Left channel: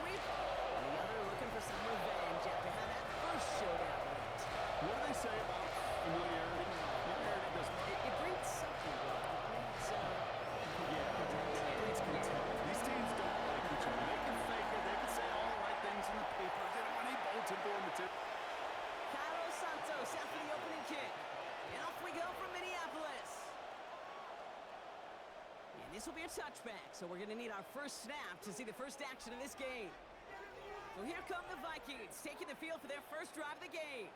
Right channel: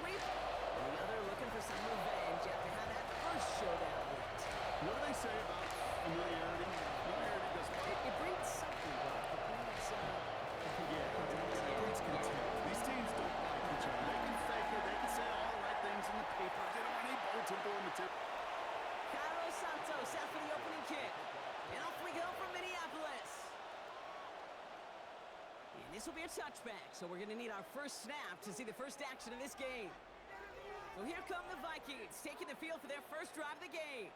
sweep, and the other looking for some revenge after how that first showdown went. What do they say about familiarity? Familiarity does what? It breeds something, Buck. It breeds, it breeds contempt. These teams don't like each other. They can fake it. They can say all the right things in the paper. They don't want any bulletin board material. Cairo Santos out for the opening kick. And off we go from Minneapolis. And this will be a touchback, so we're going to need our first snap to see the first action of this game. So here come the Vikings, taking the field for their first drive of the game.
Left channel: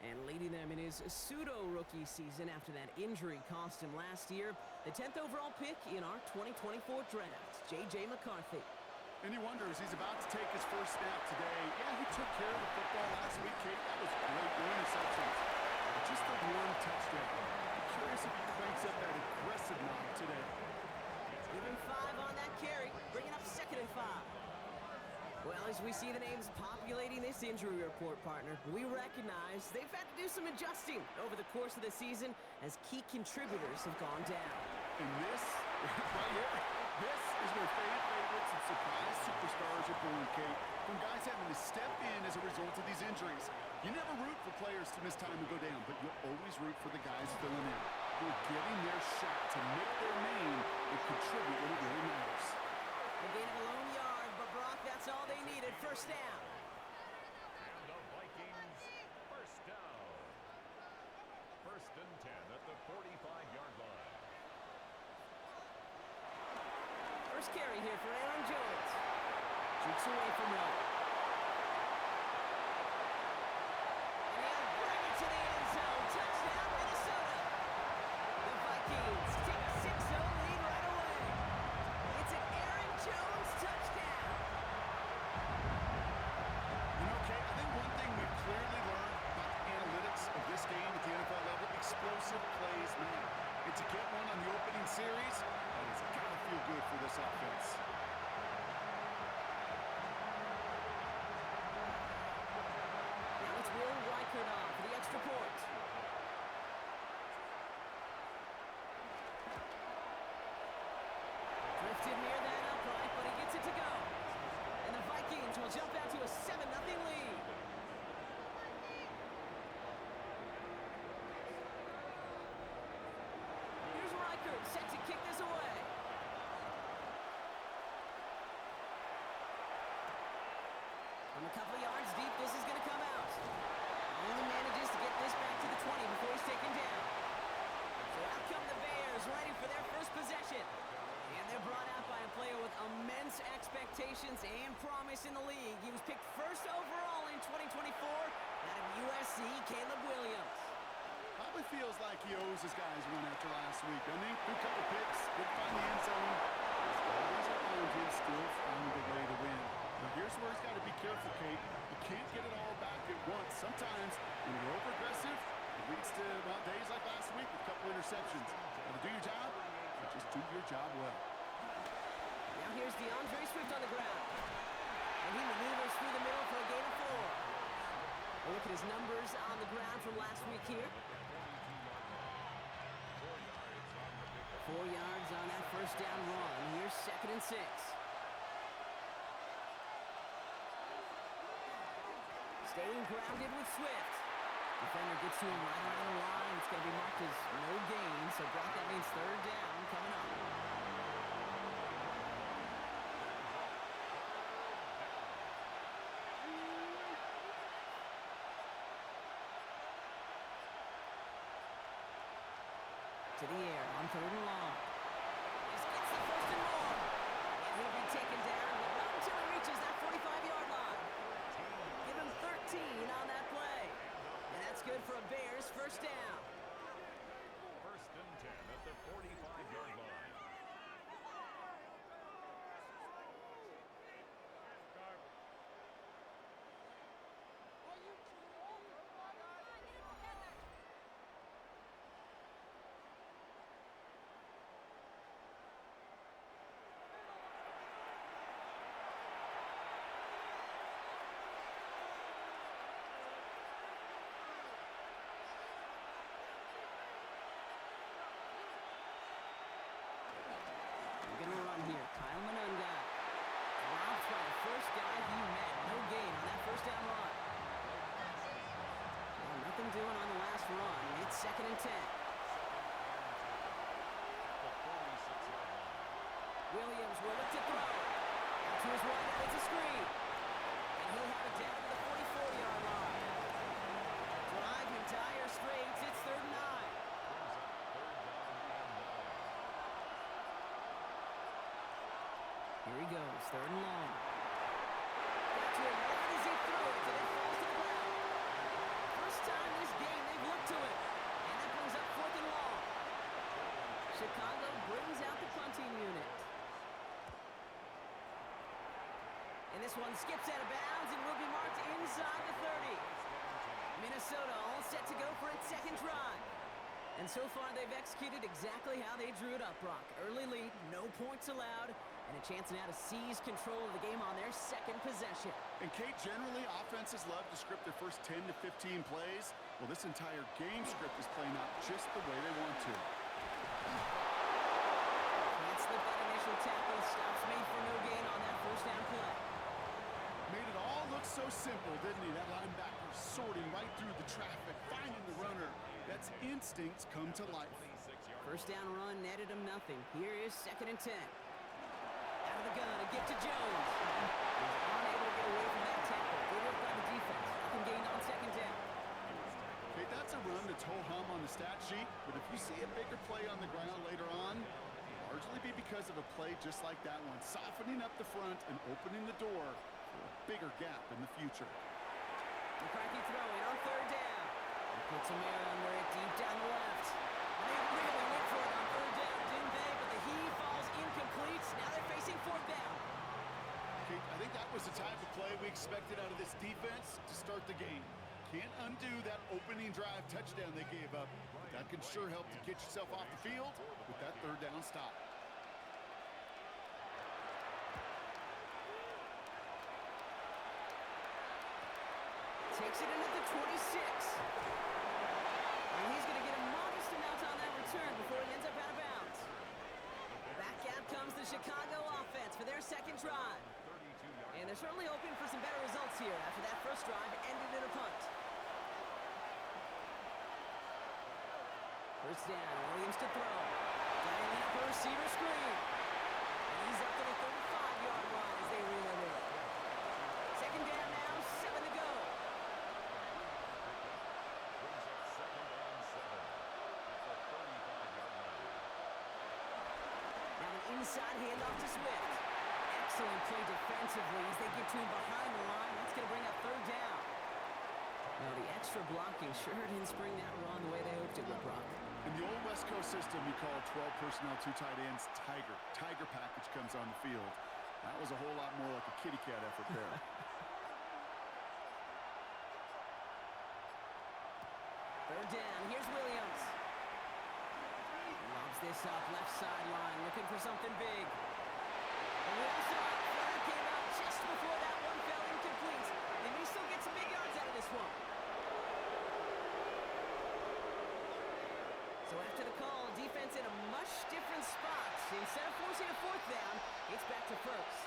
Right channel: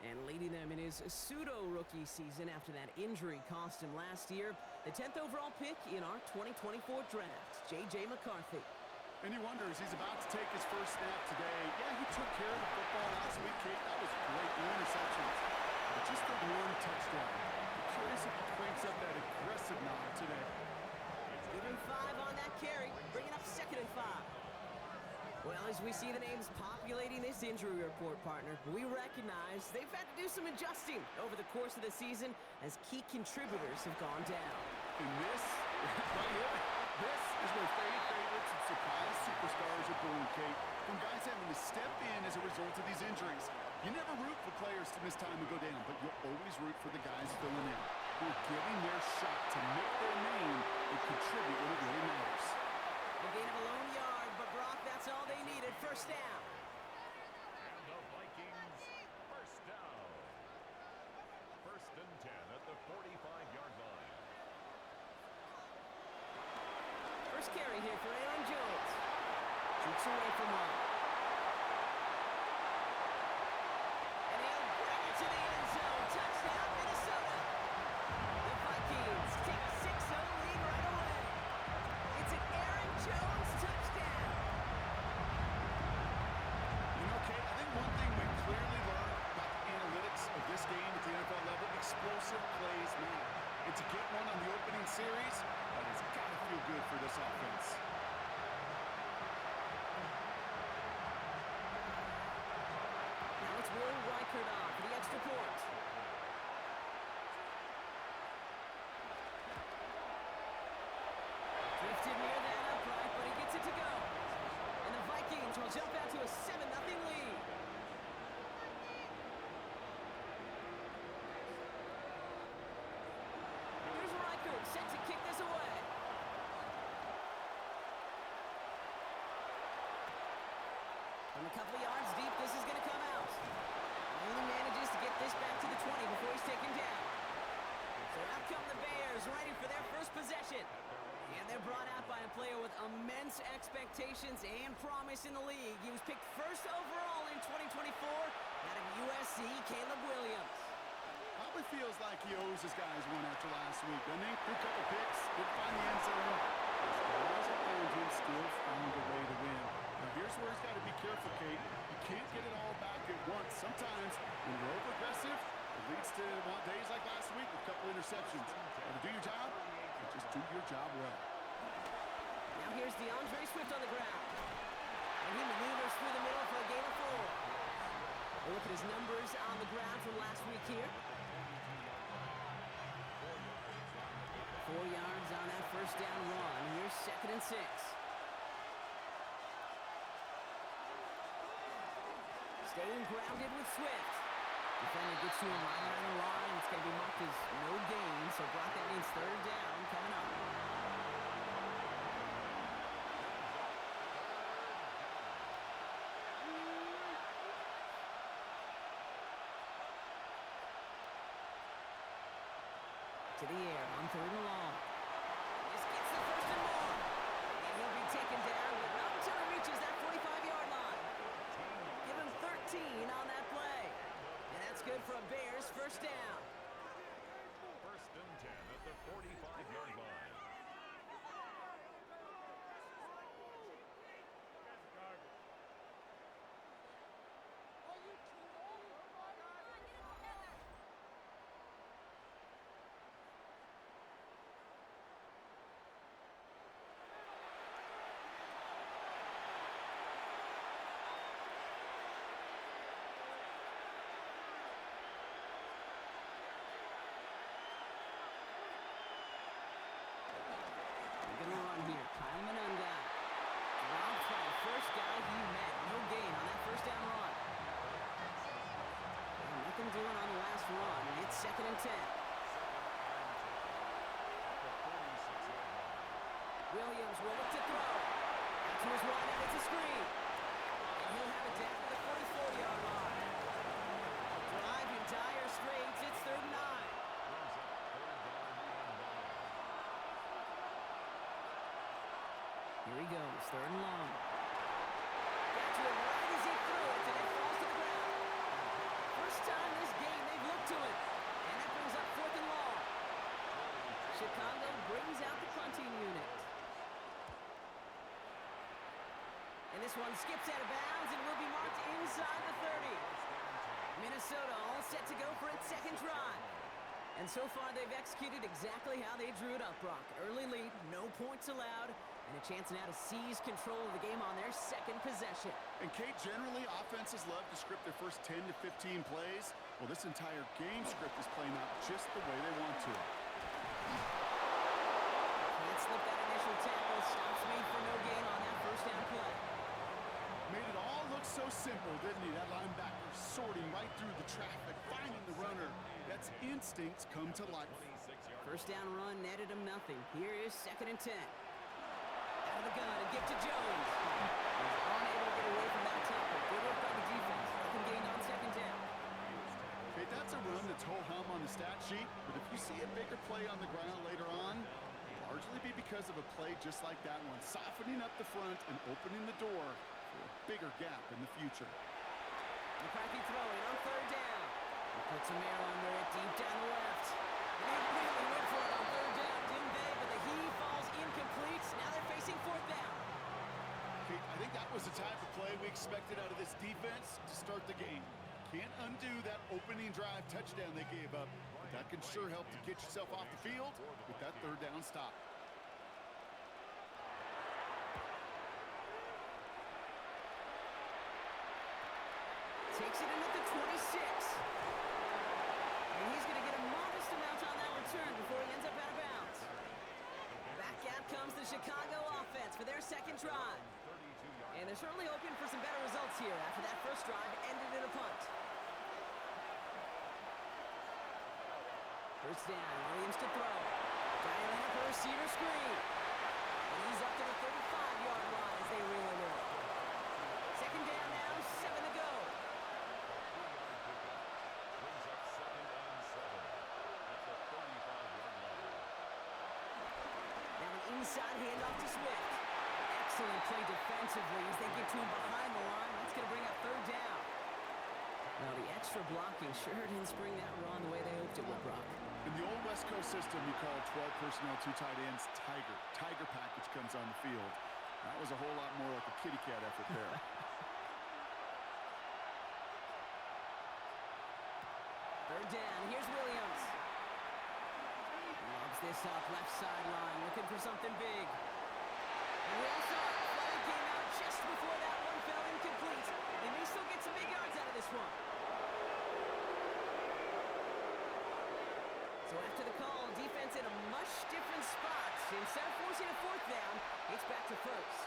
And leading them in his pseudo-rookie season after that injury cost him last year. The 10th overall pick in our 2024 draft, J.J. McCarthy. And he wonders, he's about to take his first snap today. Yeah, he took care of the football last week, Kate. That was great. No interceptions. But just the one touchdown. I'm curious if he cranks up that aggressive knock today. Give him 5 on that carry, bringing up 2nd and 5. Well, as we see the names populating this injury report, partner, we recognize they've had to do some adjusting over the course of the season as key contributors have gone down. And this, right here, this is where favorites and surprise superstars are born, Kate. From guys having to step in as a result of these injuries. You never root for players to miss time and go down, but you'll always root for the guys filling in, who are getting their shot to make their name and contribute when it really matters. A gain of a lone yard, but Brock, that's all they needed. First down. And the Vikings, first down. 1st and 10 at the 45-yard line. First carry here for Aaron Jones. Shoots away from one. And he'll bring it to the end zone. Touchdown, Minnesota. The Vikings take a 6-0 lead right away. It's an Aaron Jones touchdown. You know, Kate, I think one thing we've clearly learned about the analytics of this game at the NFL level, explosive plays matter. And to get one on the opening series, that has got to feel good for this offense. Now it's Will Reichert on for the extra point. Drifted near that upright, but he gets it to go. And the Vikings will jump out to a 7-0 lead. Here's Reichert set to kick this away. From a couple of yards deep, this is going to come out. Only manages to get this back to the 20 before he's taken down. So out come the Bears, ready for their first possession. And they're brought out by a player with immense expectations and promise in the league. He was picked 1st overall in 2024 out of USC, Caleb Williams. Probably feels like he owes his guys one after last week, doesn't he? Threw a couple picks, didn't find the end zone. His guys around him still found a way to win. Now here's where he's got to be careful, Kate. You can't get it all back at once. Sometimes when you're over-aggressive, it leads to, well, days like last week with a couple interceptions. Got to do your job, and just do your job well. Now here's DeAndre Swift on the ground. And he maneuvers through the middle for a gain of 4. We'll look at his numbers on the ground from last week here. 4 yards on that first down run. Here's 2nd and 6. Staying grounded with Swift. Defender gets to him right around the line. It's going to be marked as no gain. So, Brock, that means 3rd down coming up. To the air on 3rd and long. This gets the 1st and more. And he'll be taken down, but not until he reaches that 45-yard line. Give him 13 on that play. And that's good for a Bears first down. 1st and 10 at the 45-yard line. first guy he met. No gain on that first down run. Well, nothing doing on the last run. It's 2nd and 10. Williams will look to throw. Out to his wideout, it's a screen. And he'll have it down to the 44-yard line. Drive in dire straits, it's 3rd and 9. Here he goes, 3rd and long. Got to him right as he threw it, and it falls to the ground. First time this game they've looked to it. And that brings up 4th and long. Chicago brings out the punting unit. And this one skips out of bounds and will be marked inside the 30. Minnesota all set to go for its 2nd drive. And so far they've executed exactly how they drew it up, Brock. Early lead, no points allowed, and a chance now to seize control of the game on their 2nd possession. And Kate, generally offenses love to script their first 10 to 15 plays. Well, this entire game script is playing out just the way they want to. Can't slip that initial tackle. Stops made for no gain on that first down play. Made it all look so simple, didn't he? That linebacker sorting right through the traffic, finding the runner. That's instincts come to life. First down run netted him nothing. Here is 2nd and 10. Out of the gun, a gift to Jones. He's unable to get away from that tackle. Good work by the defense. Nothing gained on 2nd down. Okay, that's a run that's ho-hum on the stat sheet, but if you see a bigger play on the ground later on, it'll largely be because of a play just like that one, softening up the front and opening the door for a bigger gap in the future. McCarthy throwing on 3rd down. He puts a mirror under it deep down the left. And they really went for it on 3rd down, didn't they? But the heave falls incomplete. Now they're facing 4th down. Kate, I think that was the type of play we expected out of this defense to start the game. Can't undo that opening drive touchdown they gave up, but that can sure help to get yourself off the field with that 3rd down stop. Takes it in at the 26. And he's going to get a modest amount on that return before he ends up out of bounds. Back out comes the Chicago offense for their 2nd drive. And they're certainly hoping for some better results here after that first drive ended in a punt. First down, Williams to throw. Dialing up a receiver screen. And he's up to the 35-yard line as they reel him in. 2nd down now, 7 to go. Inside handoff to Swift. Excellent play defensively as they get to him behind the line. That's going to bring up 3rd down. Now the extra blocking sure didn't spring that run the way they hoped it would, Brock. In the old West Coast system, you call 12 personnel, 2 tight ends, Tiger. Tiger package comes on the field. That was a whole lot more like a kitty cat effort there. 3rd down. Here's Williams. Lobs this up left sideline, looking for something big. And we all saw it. Flag came out just before that one fell incomplete. They may still get some big yards out of this one. So after the call, defense in a much different spot. Instead of forcing a 4th down, it's back to 1st.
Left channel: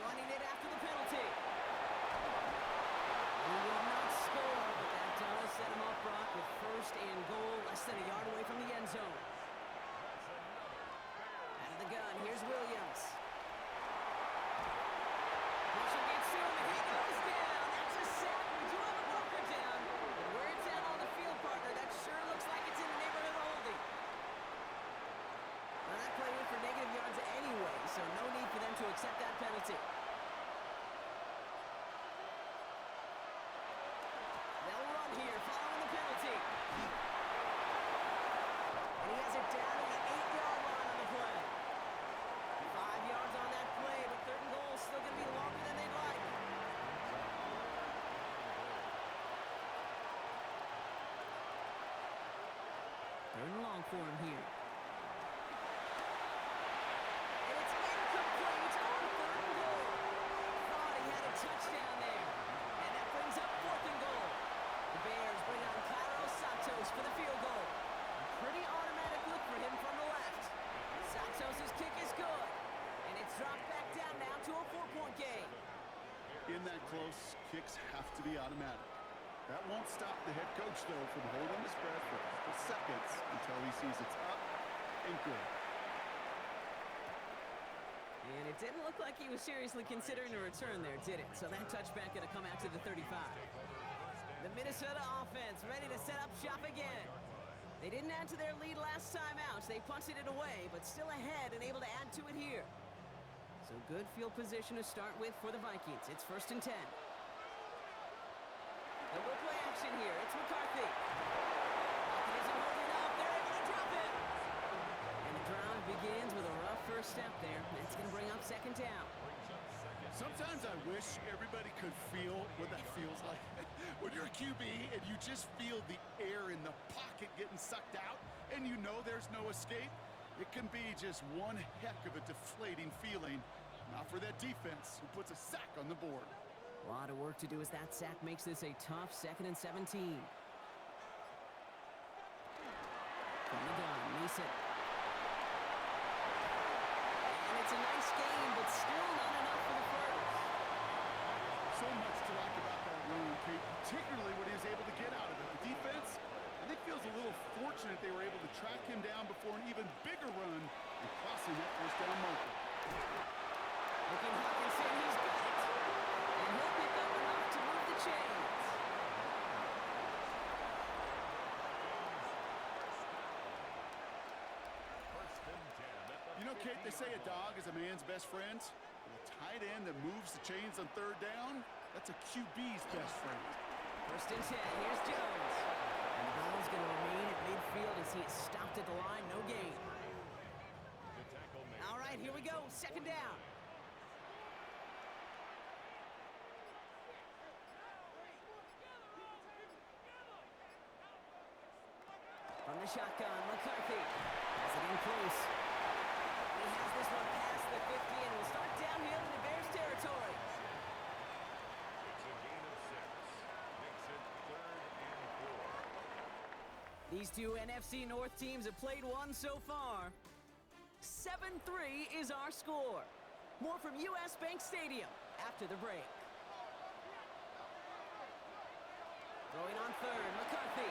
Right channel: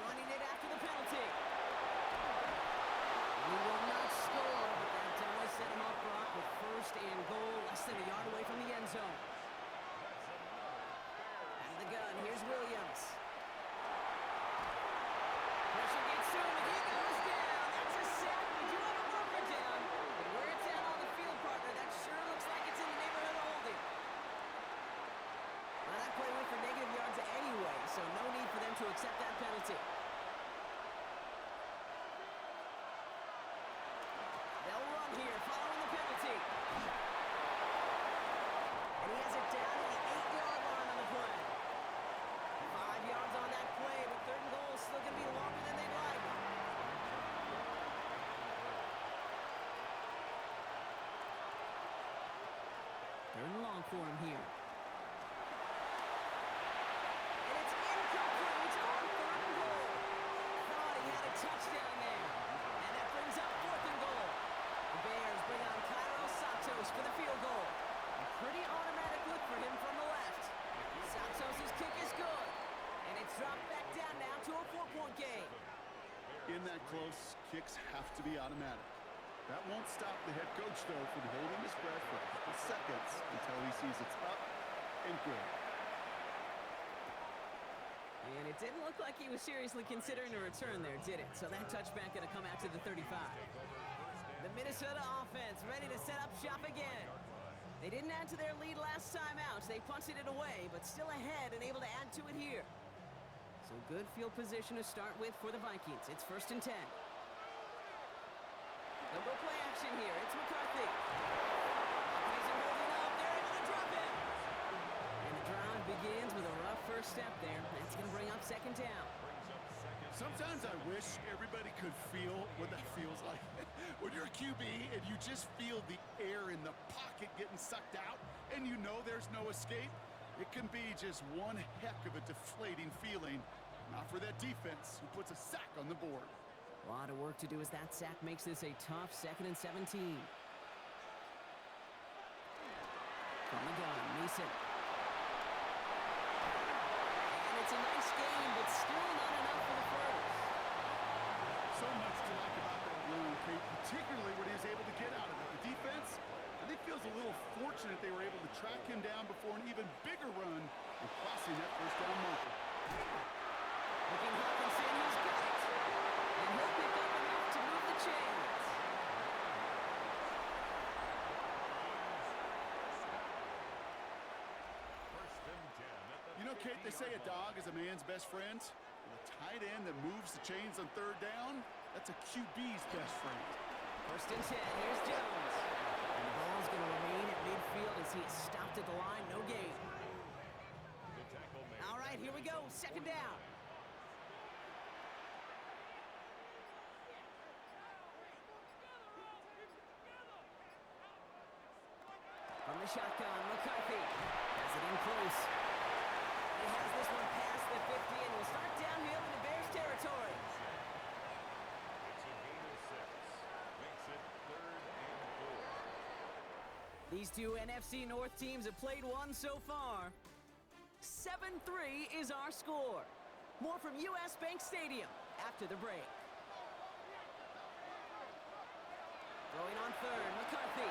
Running it after the penalty. He will not score, but that does set him up, Brock, with 1st and goal, less than a yard away from the end zone. Out of the gun, here's Williams. Pressure gets to him, and he goes down. That's a sack. We do have a marker down, but where it's at on the field, partner, that sure looks like it's in the neighborhood of holding. Well, that play went for negative yards anyway, so no need for them to accept that penalty. They'll run here following the penalty. And he has it down to the 8-yard line on the play. 5 yards on that play, but 3rd and goal is still going to be longer than they'd like. Third and long for him here. And it's incomplete on 3rd and goal. Thought he had a touchdown there. And that brings up 4th and goal. The Bears bring on Cairo Santos for the field goal. A pretty automatic look for him from the left. Santos' kick is good. And it's dropped back down. to a 4-point game. In that close, kicks have to be automatic. That won't stop the head coach, though, from holding his breath for a couple seconds until he sees it's up and good. And it didn't look like he was seriously considering a return there, did it? So that touchback going to come out to the 35. The Minnesota offense ready to set up shop again. They didn't add to their lead last time out. They punted it away, but still ahead and able to add to it here. So good field position to start with for the Vikings. It's 1st and 10. They'll go play action here. It's McCarthy. Falcon isn't holding up. They're able to drop him. And the drive begins with a rough first step there. That's going to bring up 2nd down. Sometimes I wish everybody could feel what that feels like. When you're a QB and you just feel the air in the pocket getting sucked out and you know there's no escape, it can be just one heck of a deflating feeling. Not for that defense who puts a sack on the board. A lot of work to do as that sack makes this a tough 2nd and 17. From the gun, Mason. And it's a nice game, but still not enough for the first. So much to like about that run, Kate, particularly what he was able to get out of it. The defense, I think, feels a little fortunate they were able to track him down before an even bigger run and crossing that 1st down marker. Looking Hawkinson, he's got it. And he'll pick up enough to move the chains. You know, Kate, they say a dog is a man's best friend. Well, a tight end that moves the chains on 3rd down, that's a QB's best friend. 1st and 10, here's Jones. And the ball's going to remain at midfield as he is stopped at the line, no gain. All right, here we go, 2nd down. From the shotgun, McCarthy has it in close. He has this one past the 50 and will start downhill into Bears territory. It's a gain of 6. Makes it 3rd and 4. These two NFC North teams have played one so far. 7-3 is our score. More from US Bank Stadium after the break. Throwing on 3rd, McCarthy.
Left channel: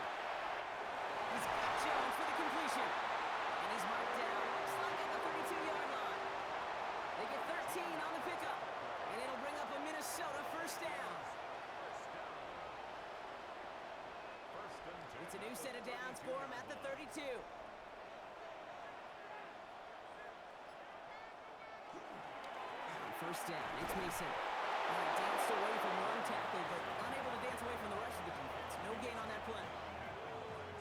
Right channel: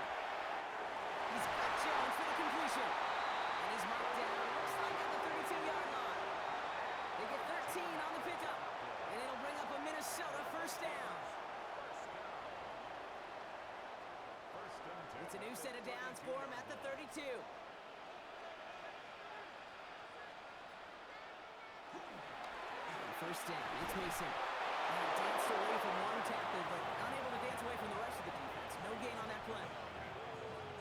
He's got Jones for the completion. And he's marked down, looks like at the 32-yard line. They get 13 on the pickup. And it'll bring up a Minnesota 1st down. It's a new set of downs for him at the 32. 1st down, it's Mason. Danced away from one tackle, but unable to dance away from the rest of the defense. No gain on that play.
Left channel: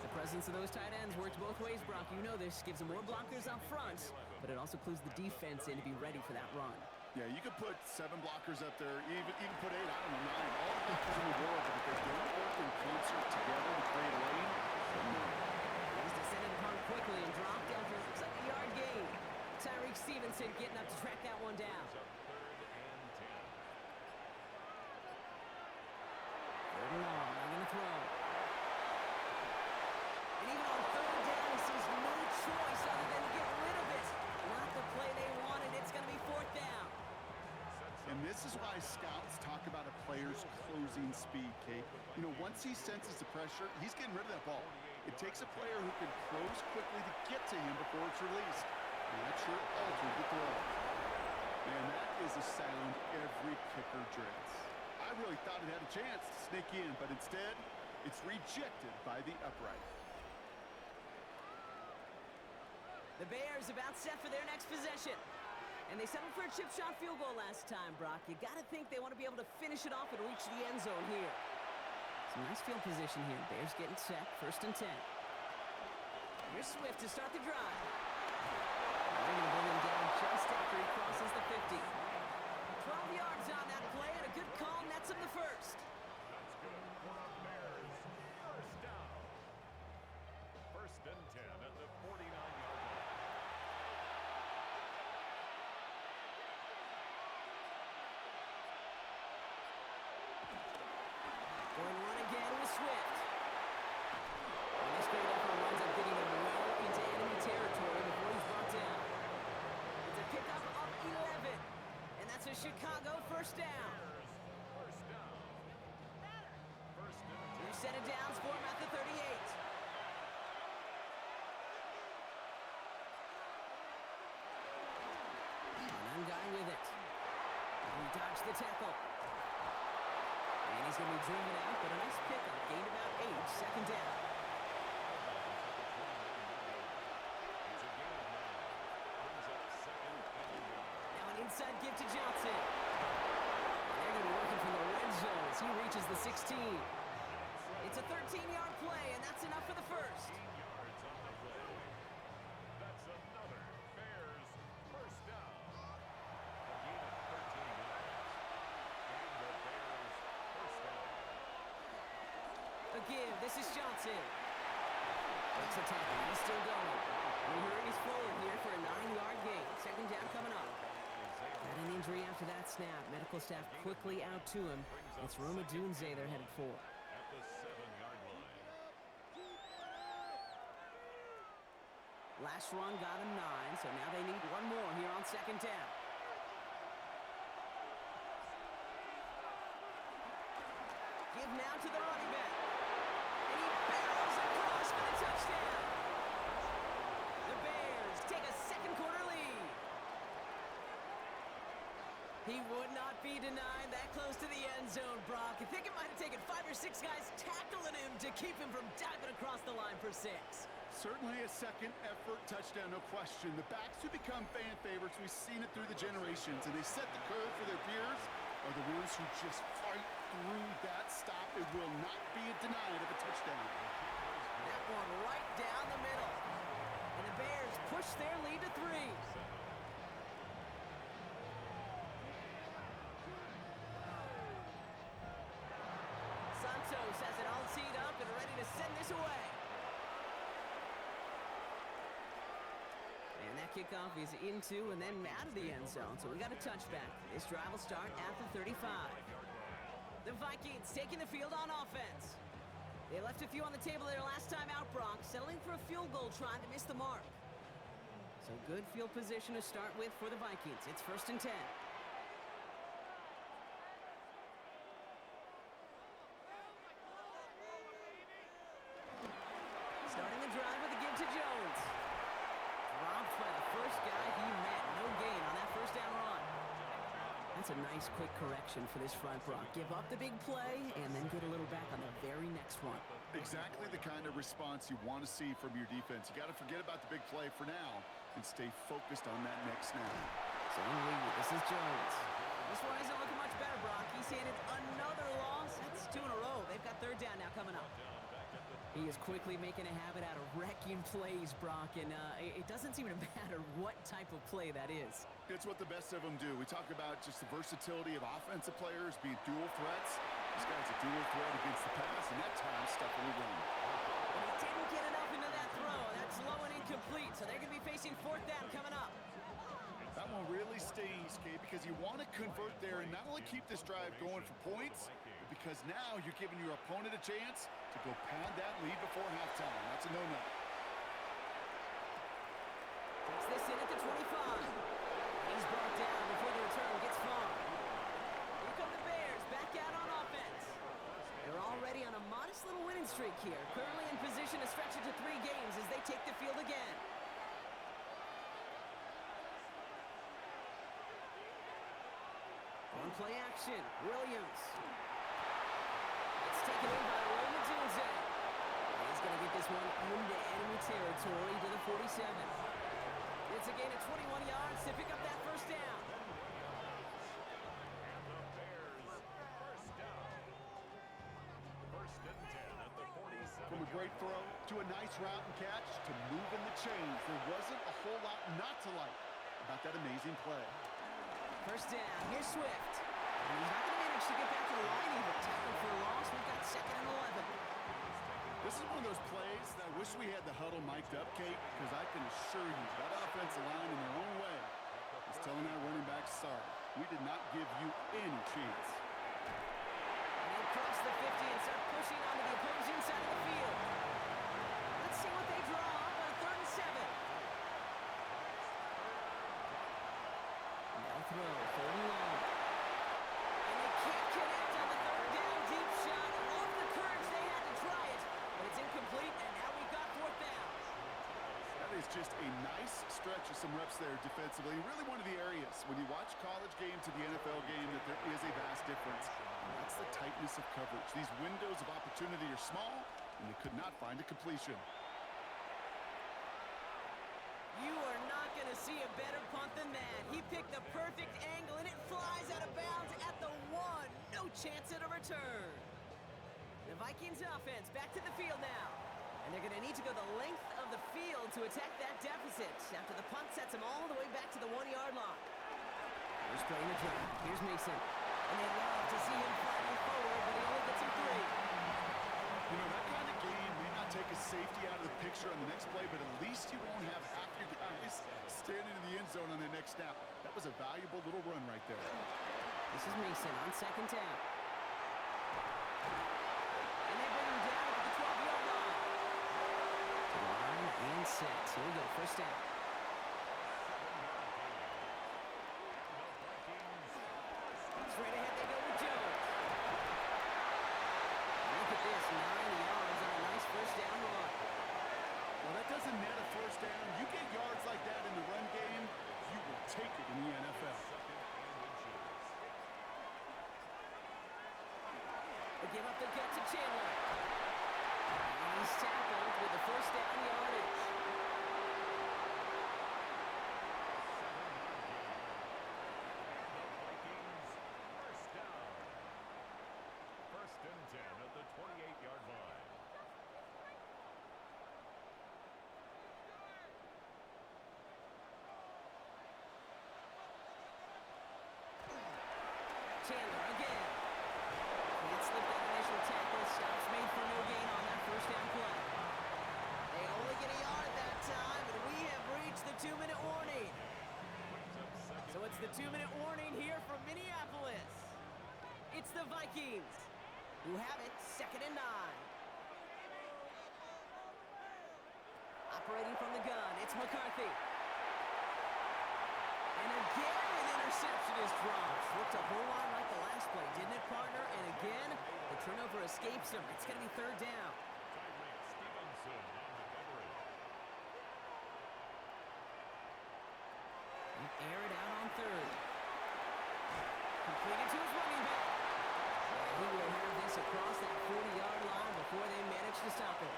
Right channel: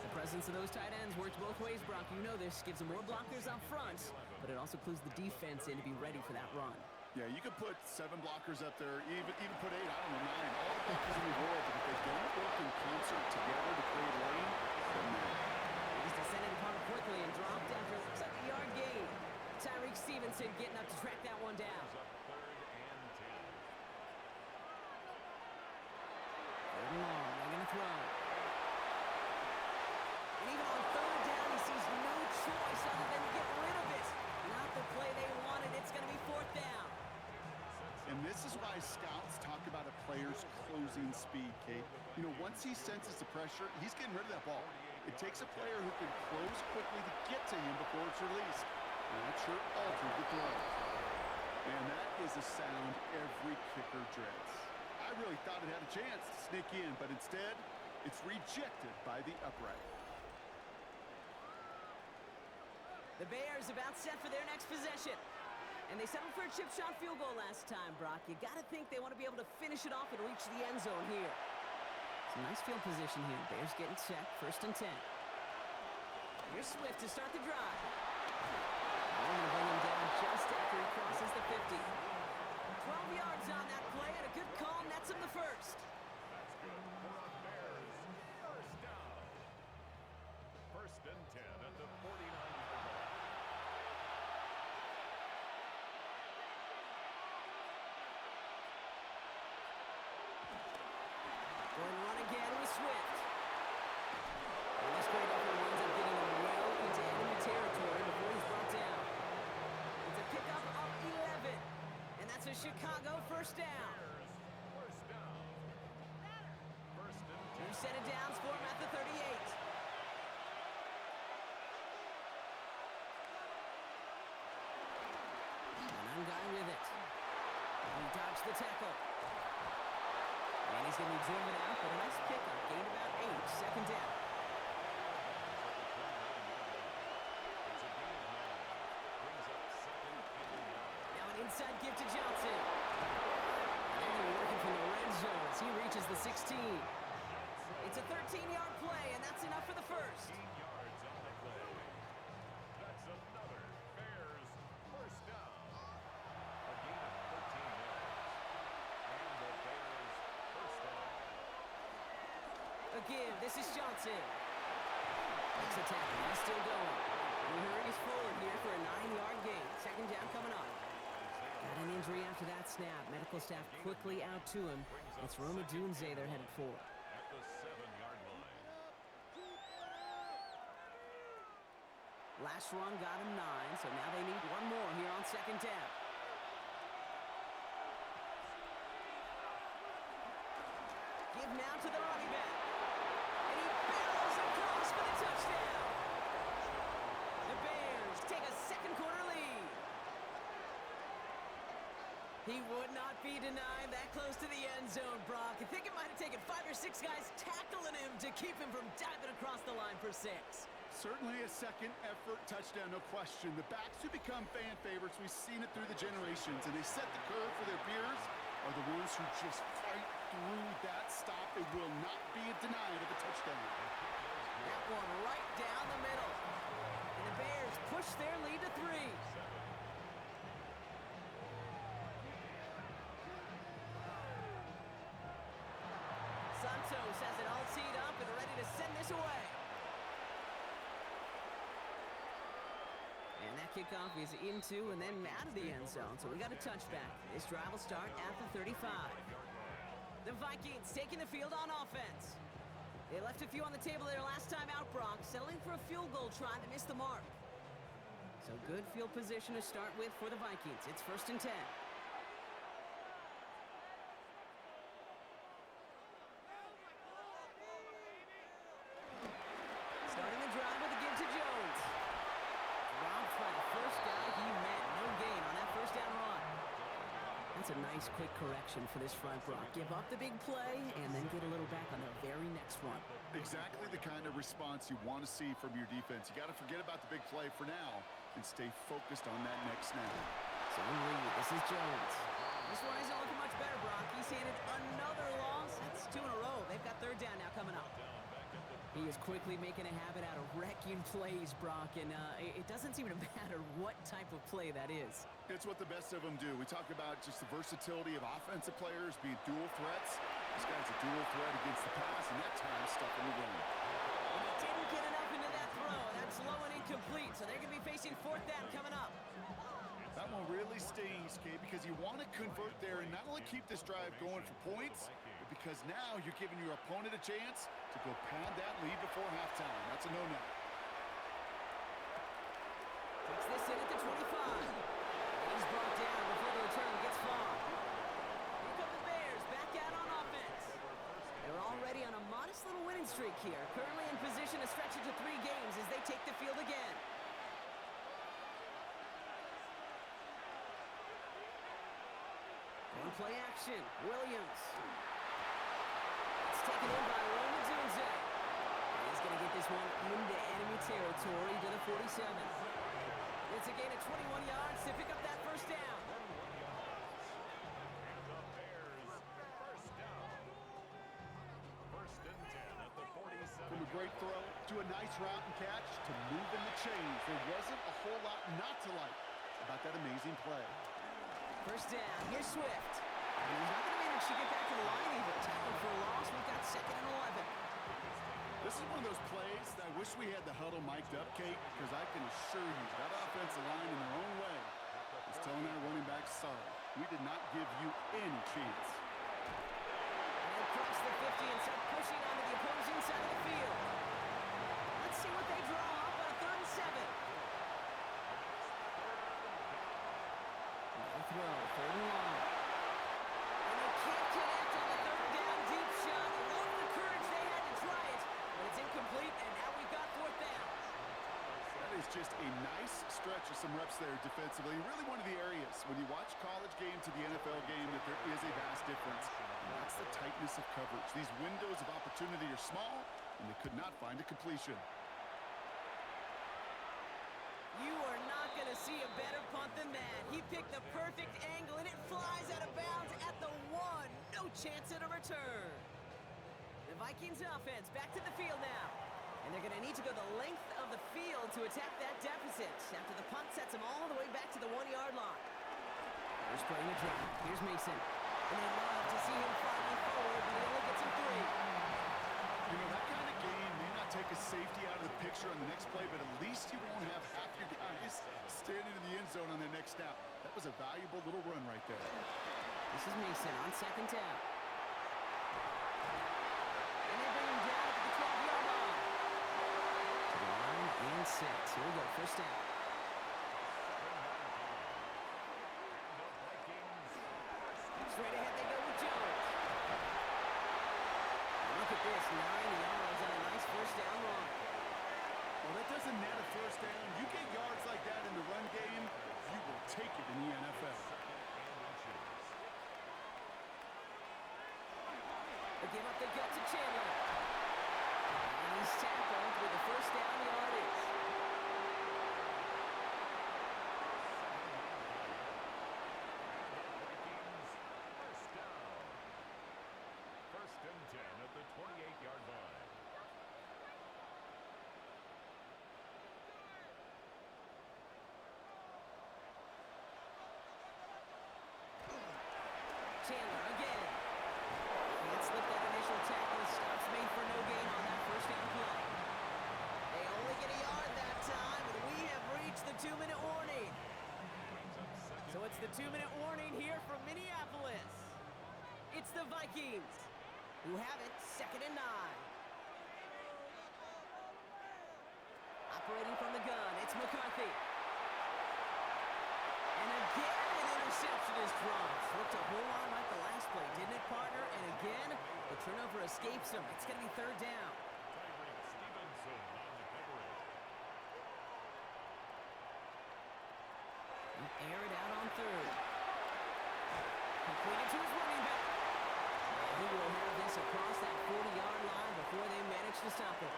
The presence of those tight ends works both ways, Brock. You know this. Gives them more blockers up front, but it also clues the defense in to be ready for that run. Yeah, you could put 7 blockers up there, even put 8, I don't know, 9. All the blockers in the world, but if they don't work in concert together to create a lane, then no. He's descended upon quickly and dropped after it looks like a yard gain. Tyreek Stevenson getting up to track that one down. 3rd and long, they're going to throw. And even on 3rd down, he sees no choice other than to get rid of it. Not the play they wanted. It's going to be 4th down. And this is why scouts talk about a player's closing speed, Kate. You know, once he senses the pressure, he's getting rid of that ball. It takes a player who can close quickly to get to him before it's released. And that sure altered the throw. Man, that is a sound every kicker dreads. I really thought it had a chance to sneak in, but instead, it's rejected by the upright. The Bears about set for their next possession. And they settled for a chip shot field goal last time, Brock. You got to think they want to be able to finish it off and reach the end zone here. Some nice field position here. Bears getting set, 1st and 10. Here's Swift to start the drive. And they're going to bring him down just after he crosses the 50. 12 yards on that play, and a good call nets him the first. That's good for a Bears 1st down. 1st and 10 at the 49-yard line. Going run again with Swift. And this great effort winds up getting him well into enemy territory before he's brought down. It's a pickup of 11. And that's a a Chicago first down. First down. First and 10. Two set of downs for him at the 38. An guy with it. He dodged the tackle. And he's going to be driven out, but a nice pickup. Gained about 8. Second down. It's a gain of 9. Brings up second and 9. Now an inside give to Johnson. And they're going to be working from the red zone as he reaches the 16. It's a 13-yard play, and that's enough for the first. 15 yards on the play. That's another Bears first down. A gain of 13 yards. And the Bears first down. A give. This is Johnson. Breaks a tackle. He's still going. And he hurries forward here for a 9-yard gain. Second down coming up. Got an injury after that snap. Medical staff quickly out to him. It's Roma Dunze they're headed for. At the 7-yard line. Last run got him 9, so now they need one more here on second down. Give now to the running back. And he barrels across for the touchdown. The Bears take a second-quarter lead. He would not be denied that close to the end zone, Brock. I think it might have taken 5 or 6 guys tackling him to keep him from diving across the line for 6. Certainly a second-effort touchdown, no question. The backs who become fan favorites, we've seen it through the generations, and they set the curve for their peers, are the ones who just fight through that stop. It will not be denied of a touchdown. That one right down the middle. And the Bears push their lead to 3. Santos has it all teed up and ready to send this away. And that kickoff is into and then out of the end zone, so we got a touchback. This drive will start at the 35. The Vikings taking the field on offense. They left a few on the table their last time out, Brock, settling for a field goal try that missed the mark. So good field position to start with for the Vikings. It's first and 10. Starting the drive with a give to Jones. Dropped by the first guy he met. No gain on that first down run. That's a nice quick correction for this front, Brock. Give up the big play and then get a little back on the very next one. Exactly the kind of response you want to see from your defense. You got to forget about the big play for now and stay focused on that next snap. Zone lead. This is Jones. This one isn't looking much better, Brock. He's handed another loss. That's 2 in a row. They've got third down now coming up. He is quickly making a habit out of wrecking plays, Brock, and it doesn't seem to matter what type of play that is. It's what the best of them do. We talk about just the versatility of offensive players being dual threats. This guy's a dual threat against the pass, and that time stuffing the run. And he didn't get enough into that throw. That's low and incomplete, so they're going to be facing fourth down coming up. That one really stings, Kate, because you want to convert there and not only keep this drive going for points, but because now you're giving your opponent a chance to go pad that lead before halftime. That's a no-no. Takes this in at the 25. He's brought down before the return gets far. Here come the Bears back out on offense. They're already on a modest little winning streak here, currently in position to stretch it to 3 games as they take the field again. On play action, Williams. It's taken in by Roma Dunze. And he's going to get this one into enemy territory to the 47. It's a gain of 21 yards to pick up that first down. And the Bears first down. First and 10 at the 47. From a great throw to a nice route and catch to moving the chains. There wasn't a whole lot not to like about that amazing play. First down, here's Swift. And he's not going to manage to get back to the line even. Tackled for a loss, we've got second and 11. This is one of those plays that I wish we had the huddle mic'd up, Kate, because I can assure you that offensive line in their own way is telling our running backs, sorry, we did not give you any chance. And they'll cross the 50 and start pushing onto the opposing side of the field. Let's see what they draw up on a 3rd and 7. No throw, 3rd and long. just a nice stretch of some reps there defensively. Really one of the areas when you watch college game to the NFL game that there is a vast difference. And that's the tightness of coverage. These windows of opportunity are small, and they could not find a completion. You are not going to see a better punt than that. He picked the perfect angle, and it flies out of bounds at the 1. No chance at a return. The Vikings offense back to the field now. And they're going to need to go the length of the field to attack that deficit after the punt sets them all the way back to the 1-yard line. First play in the drive. Here's Mason. And they'd love to see him fighting forward, but he only gets him 3. You know, that kind of gain may not take a safety out of the picture on the next play, but at least you won't have half your guys standing in the end zone on their next snap. That was a valuable little run right there. This is Mason on second down. And they bring him down at the 12-yard line. To the line and set. Here we go, first down. Straight ahead they go with Jones. And look at this, 9 yards on a nice first down run. Well, that doesn't net a first down. You get yards like that in the run game, you will take it in the NFL. They give up the gut to Chandler. And he's tackled with the first down yardage. First and 10 at the 28-yard line. Chandler again. Can't slip that initial tackle. Stops made for no gain on that first down play. They only get a yard that time, and we have reached the 2-minute warning. So it's the 2-minute warning here from Minneapolis. It's the Vikings who have it, 2nd and 9. Operating from the gun, it's McCarthy. And again, an interception is dropped. Looked a whole lot like the last play, didn't it, partner? And again, the turnover escapes him. It's going to be 3rd down. Stevenson on the coverage. And air it out on 3rd. Completed to his running back. And he will have this across that 40-yard line before they manage to stop it.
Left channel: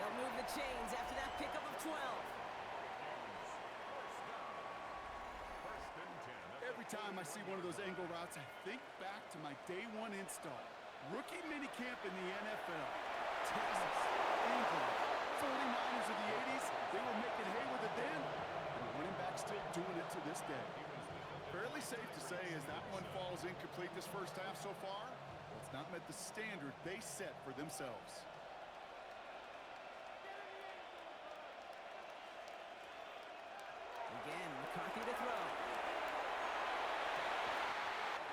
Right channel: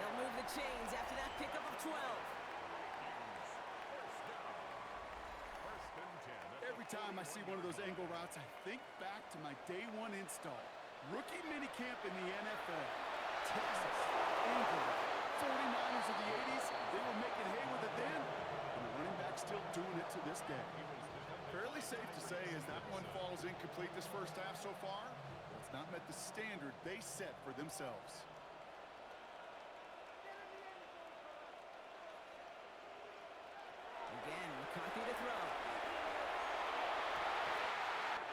They'll move the chains after that pickup of 12. Every time I see one of those angle routes, I think back to my day 1 install. Rookie minicamp in the NFL. Texas, England, 49ers of the 80s. They were making hay with it then, and the running back's still doing it to this day. Fairly safe to say as that one falls incomplete this first half so far, well, it's not met the standard they set for themselves. Again, McCarthy to throw.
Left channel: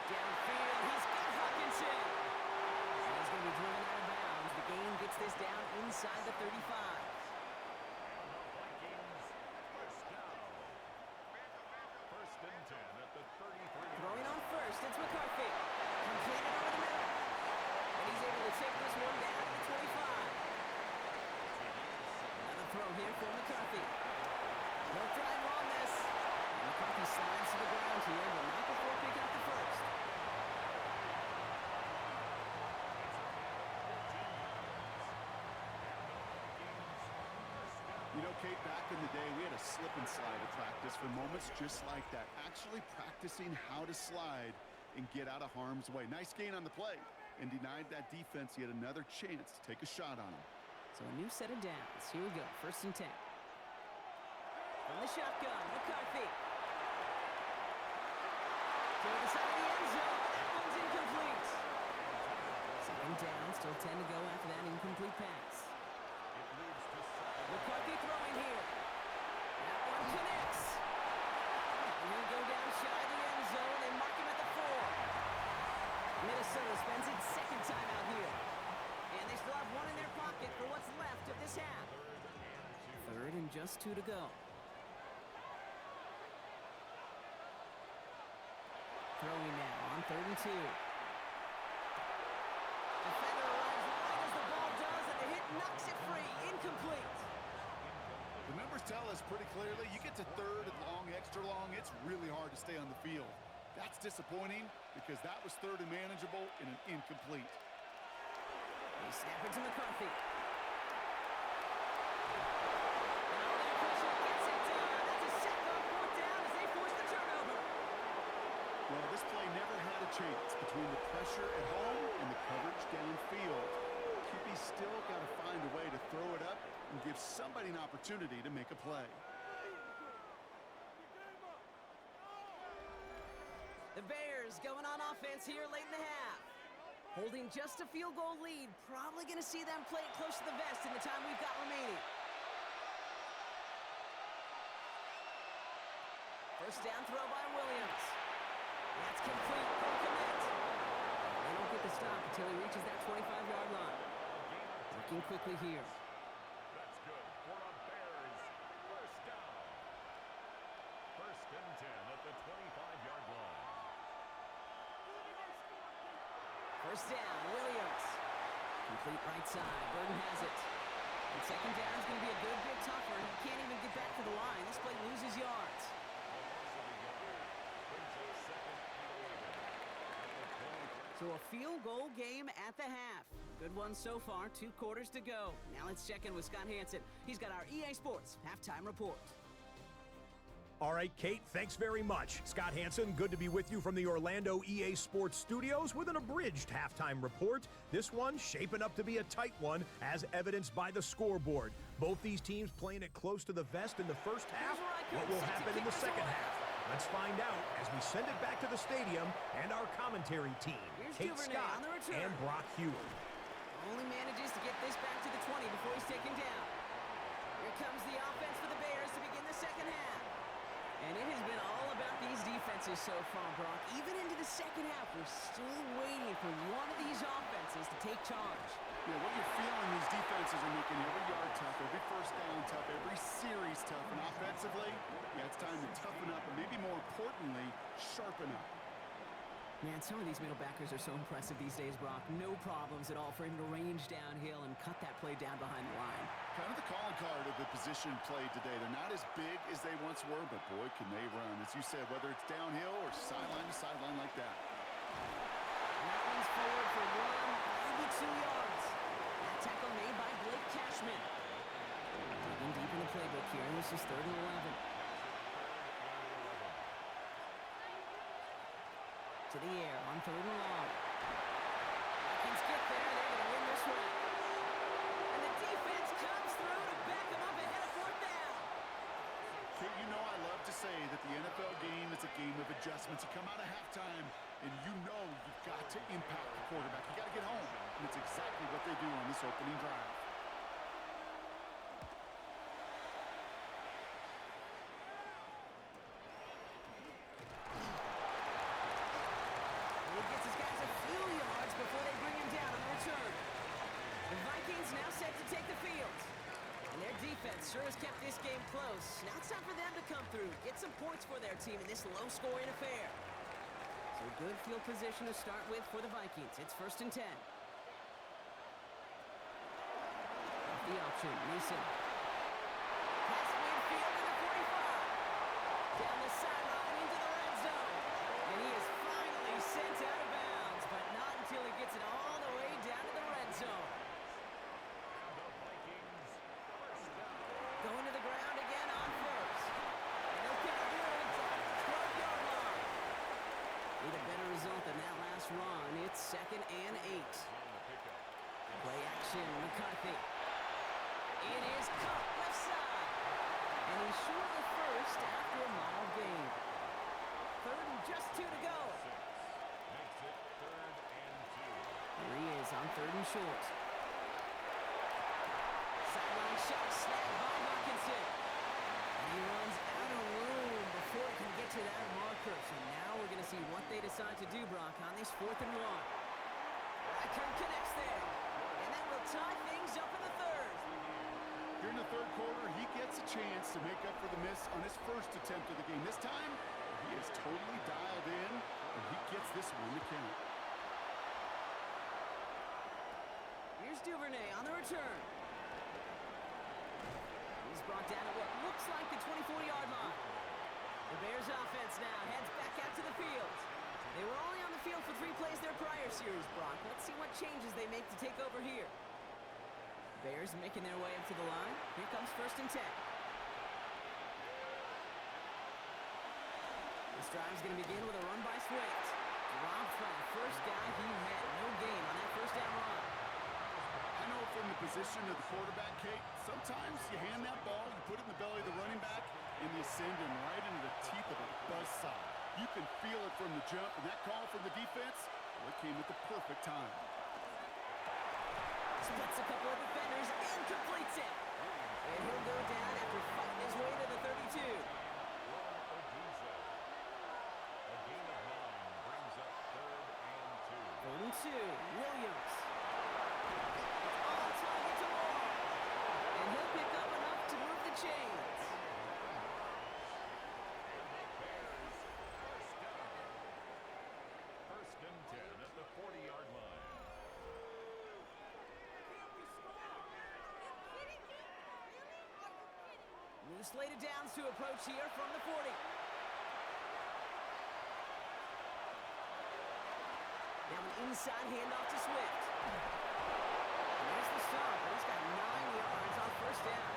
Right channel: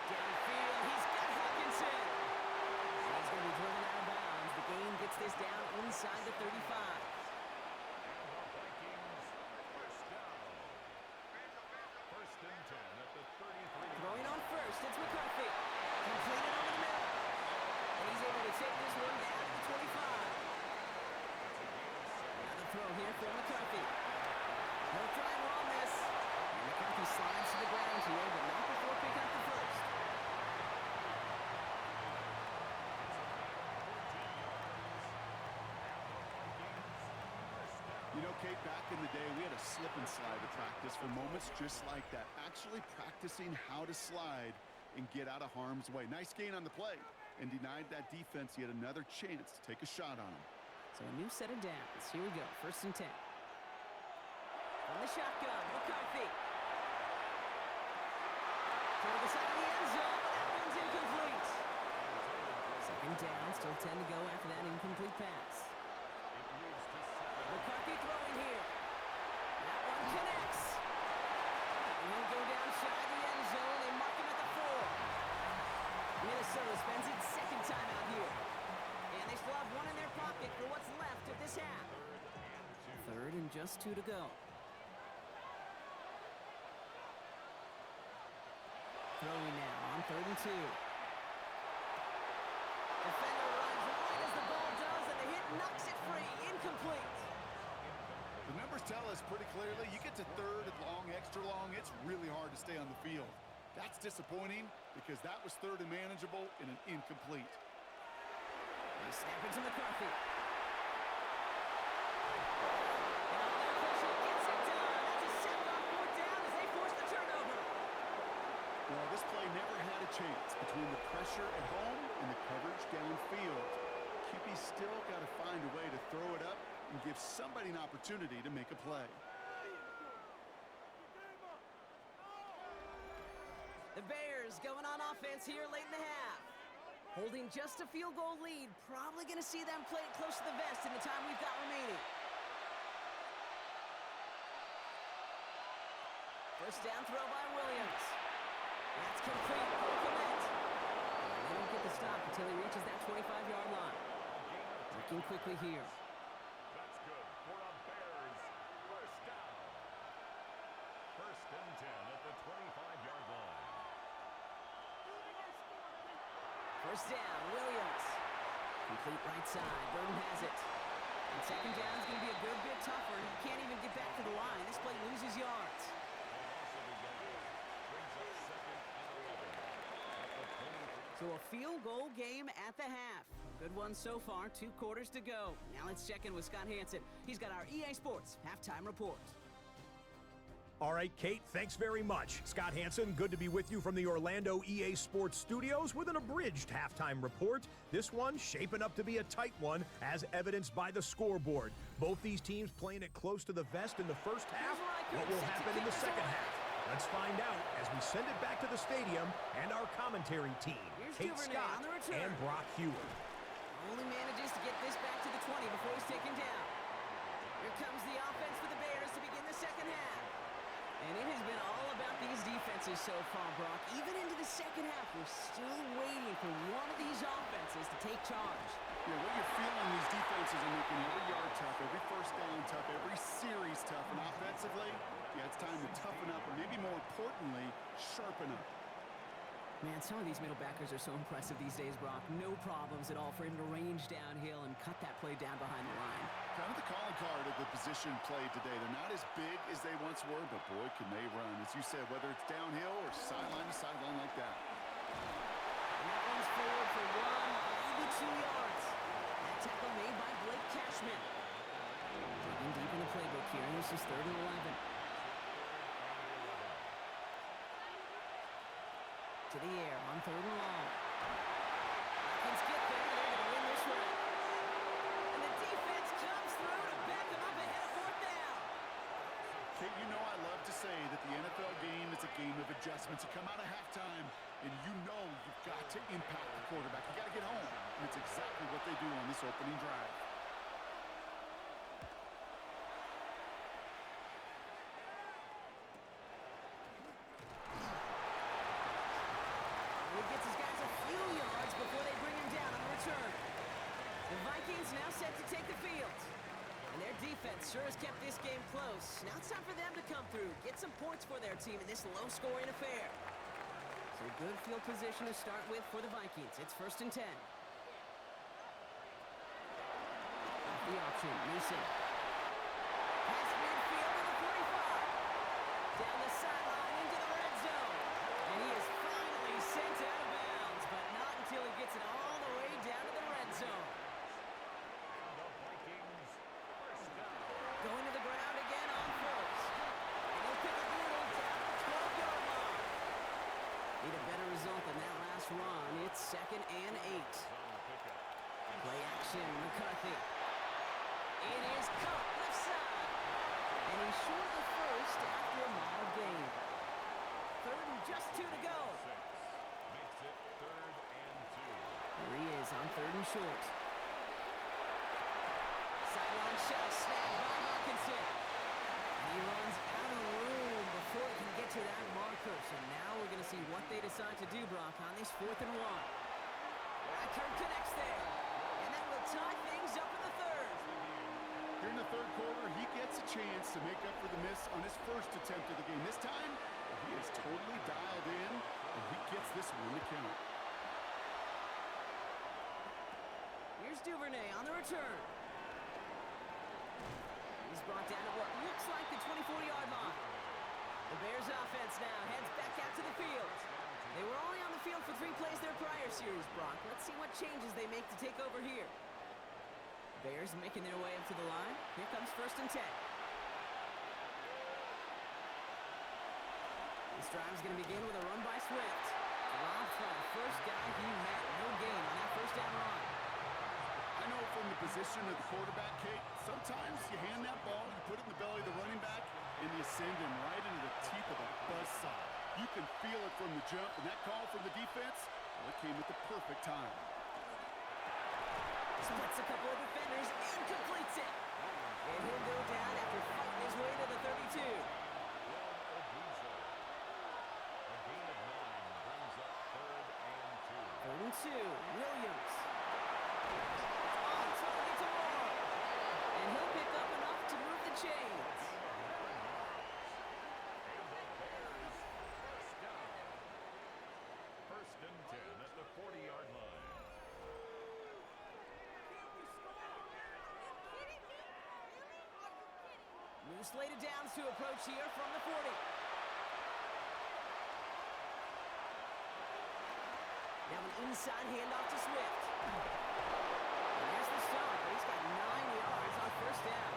Downfield, he's got Hutchinson. And he's going to be driven out of bounds. The game gets this down inside the 35. And the Vikings, first down. First and 10 at the 33. Throwing on first, it's McCarthy. Completed over the middle. And he's able to take this one down to the 25. Another throw here for McCarthy. He'll try and run this. And McCarthy slides to the ground here, but not before picking up the first. You know, Kate, back in the day, we had a slip and slide at practice for moments just like that. Actually practicing how to slide and get out of harm's way. Nice gain on the play and denied that defense yet another chance to take a shot on him. So a new set of downs. Here we go, 1st and 10. From the shotgun, McCarthy. Toward the side of the end zone, but that one's incomplete. 2nd down, still 10 to go after that incomplete pass. McCarthy throwing here. That one connects. And he'll go down shy of the end zone. They mark him at the 4. Minnesota spends its 2nd time out here. And they still have one in their pocket for what's left of this half. 3rd and just 2 to go. Throwing now on 3rd and 2. Defender arrives right as the ball does, and the hit knocks it free. Incomplete. The numbers tell us pretty clearly, you get to third and long, extra long, it's really hard to stay on the field. That's disappointing because that was third and manageable in an incomplete. They snap it to McCarthy. And all that pressure gets it done. That's a sack on fourth down as they force the turnover. Well, this play never had a chance between the pressure at home and the coverage downfield. QB's still got to find a way to throw it up and give somebody an opportunity to make a play. The Bears going on offense here late in the half. Holding just a field goal lead. Probably going to see them play it close to the vest in the time we've got remaining. First down throw by Williams. That's complete. No commit. And they don't get the stop until he reaches that 25-yard line. Working quickly here. That's good for a Bears first down. First and 10 at the 25-yard line. First down, Williams. Complete right side. Burden has it. And second down is going to be a good bit tougher. He can't even get back to the line. This play loses yards. A loss of a yard brings up second and 11 at the 20. So a field goal game at the half. Good one so far. 2 quarters to go. Now let's check in with Scott Hansen. He's got our EA Sports halftime report. All right, Kate, thanks very much. Scott Hansen, good to be with you from the Orlando EA Sports studios with an abridged halftime report. This one shaping up to be a tight one, as evidenced by the scoreboard. Both these teams playing it close to the vest in the first half. What will happen in the second half? Let's find out as we send it back to the stadium and our commentary team, Here's Kate Duvernay Scott on the return. and Brock Hewer. Only manages to get this back to the 20 before he's taken down. Here comes the offense for the Bears to begin the second half. And it has been all about these defenses so far, Brock. Even into the second half, we're still waiting for one of these offenses to take charge. Yeah, what you're feeling, these defenses are making every yard tough, every first down tough, every series tough. And offensively, yeah, it's time to toughen up, and maybe more importantly, sharpen up. Man, some of these middle backers are so impressive these days, Brock. No problems at all for him to range downhill and cut that play down behind the line. Kind of the calling card of the position played today. They're not as big as they once were, but boy, can they run. As you said, whether it's downhill or sideline to sideline like that. And that one's forward for 1, maybe 2 yards. That tackle made by Blake Cashman. Digging deep in the playbook here, and this is 3rd and 11. To the air on 3rd and long. Vikings get there. They're going to win this one. And the defense comes through to back them up ahead of 4th down. Kate, you know I love to say that the NFL game is a game of adjustments. You come out of halftime, and you know you've got to impact the quarterback. You got to get home. And it's exactly what they do on this opening drive. He gets his guys a few yards before they bring him down on the return. The Vikings now set to take the field. And their defense sure has kept this game close. Now it's time for them to come through, get some points for their team in this low-scoring affair. So good field position to start with for the Vikings. It's 1st and 10. Off the option, Mason. Past midfield to the 45. Down the sideline into the red zone. And he is finally sent out of bounds, but not until he gets it all the way down to the red zone. And the Vikings first down. Going to the ground again on 1st. And he'll pick up Little down to the 12-yard line. Need a better result than that last run. It's 2nd and 8. On the pickup. Play action, McCarthy. It is caught left side. And he's short of the first after a mild gain. 3rd and just 2 to go. 6 makes it 3rd and 2. There he is on 3rd and short. Sideline shot snagged by Hawkinson. And he runs out of room before he can get to that marker. So now we're going to see what they decide to do, Brock, on this 4th and 1. Reichert connects there. And that will tie things up in the 3rd. Here in the 3rd quarter, he gets a chance to make up for the miss on his first attempt of the game. This time, he is totally dialed in, and he gets this one to count. Here's Duvernay on the return. He's brought down at what looks like the 24-yard line. The Bears offense now heads back out to the field. They were only on the field for 3 plays their prior series, Brock. Let's see what changes they make to take over here. Bears making their way up to the line. Here comes 1st and 10. This drive's going to begin with a run by Swift. Dropped by the first guy he met. No gain on that first down run. I know from the position of the quarterback, Kate, sometimes you hand that ball, you put it in the belly of the running back, and you send him right into the teeth of a buzzsaw. You can feel it from the jump, and that call from the defense, well, it came at the perfect time. Splits a couple of defenders and completes it. And he'll go down after fighting his way to the 32. A gain of 9 brings up 3rd and 2. 3rd and 2, Williams. On target to Moore. And he'll pick up enough to move the chains. And the Bears first down. 1st and 10 at the 40-yard line. New slated downs to approach here from the 40. Now an inside handoff to Swift. And there's the stop, but he's got 9 yards on 1st down.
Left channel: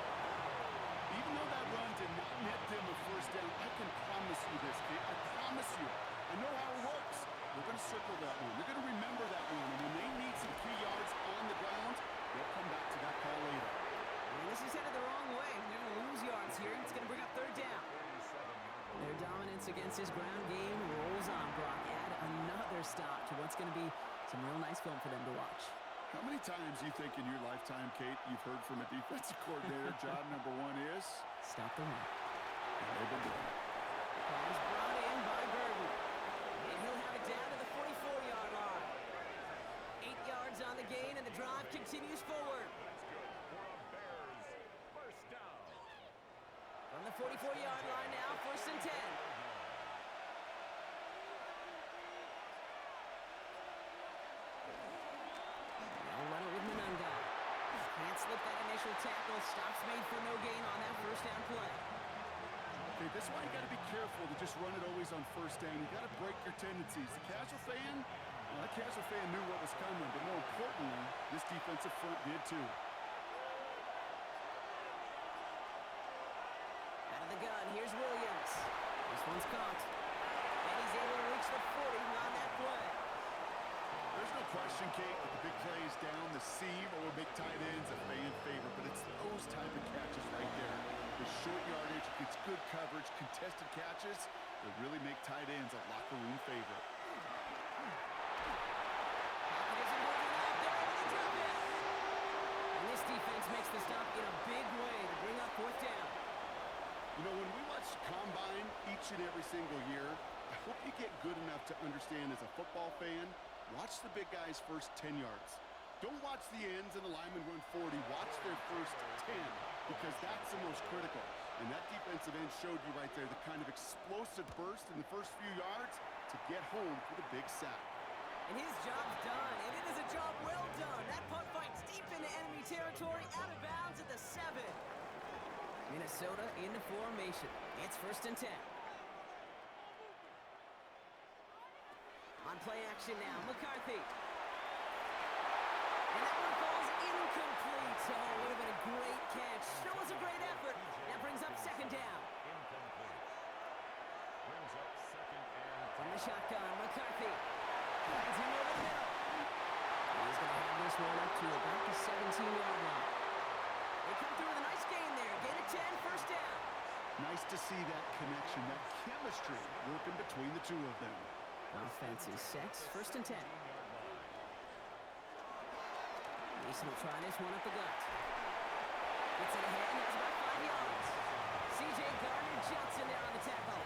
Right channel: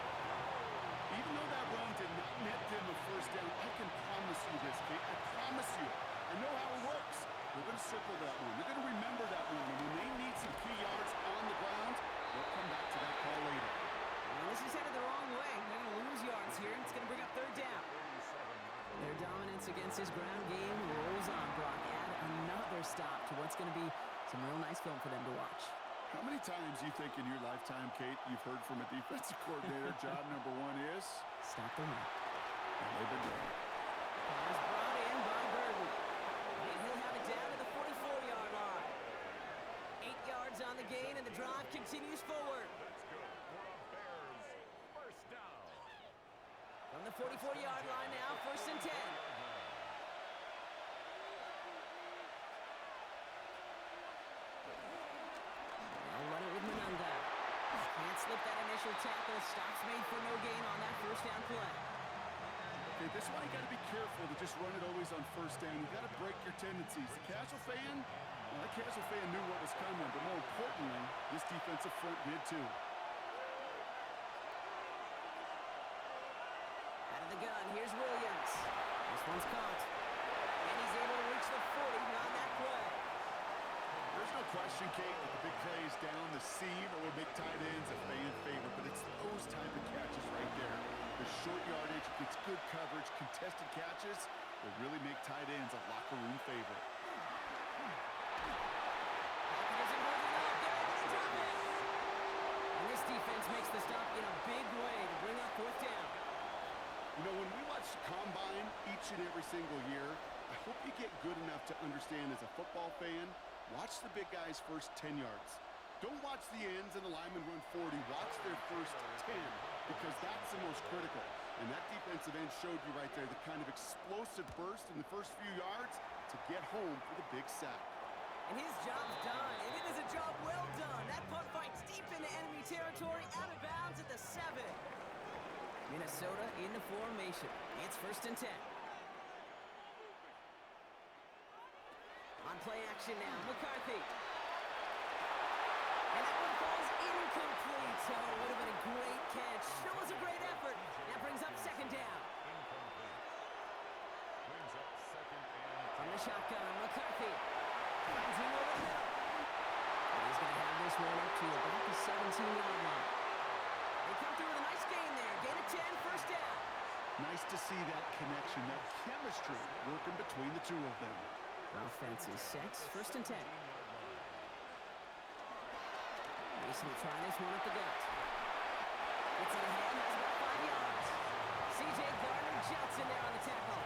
Even though that run did not net them a first down, I can promise you this, Kate. I promise you. I know how it works. They're going to circle that one. They're going to remember that one. And when they need some key yards on the ground, they'll come back to that call later. And this is headed the wrong way. They're going to lose yards here. It's going to bring up 3rd down. Their dominance against his ground game rolls on, Brock. Add another stop to what's going to be some real nice film for them to watch. How many times you think in your lifetime, Kate, you've heard from a defensive coordinator, job number 1 is? Stop the run. And they've been doing it. Pass brought in by Burton. And he'll have it down to the 44-yard line. 8 yards on the gain, and the drive continues forward. That's good for a Bears first down. From the 44-yard line now, 1st and 10. They'll run it with Manunga. Can't slip that initial tackle. Stops made for no gain on that 1st down play. Okay, this is why you got to be careful to just run it always on 1st down. You got to break your tendencies. The casual fan, well, that casual fan knew what was coming, but more importantly, this defensive front did too. Out of the gun, here's Williams. This one's caught. And he's able to reach the 40 on that play. There's no question, Kate, that the big plays down the seam or big tight ends a fan favorite, but it's those type of catches right there. The short yardage, gets good coverage, contested catches that really make tight ends a locker room favorite. Pocket isn't holding up. They're able to drop it. And this defense makes the stop in a big way to bring up 4th down. You know, when we watch the Combine each and every single year, I hope you get good enough to understand as a football fan, watch the big guys' first 10 yards. Don't watch the ends and the linemen run 40. Watch their first 10 because that's the most critical. And that defensive end showed you right there the kind of explosive burst in the first few yards to get home for the big sack. And his job's done, and it is a job well done. That punt fights deep into enemy territory, out of bounds at the 7. Minnesota into formation. It's 1st and 10. On play action now, McCarthy. And that one falls incomplete. Oh, it would have been a great catch. Still was a great effort. That brings up 2nd down. Incomplete. Brings up 2nd and 10. From the shotgun, McCarthy finds him over the middle. And he's going to have this one up to about the 17-yard line. They come through with a nice gain there. Gain of 10, 1st down. Nice to see that connection, that chemistry working between the two of them. Offense is set. 1st and 10. Mason will try this one up the gut. Gets it ahead and has about 5 yards. C.J. Gardner-Johnson there on the tackle.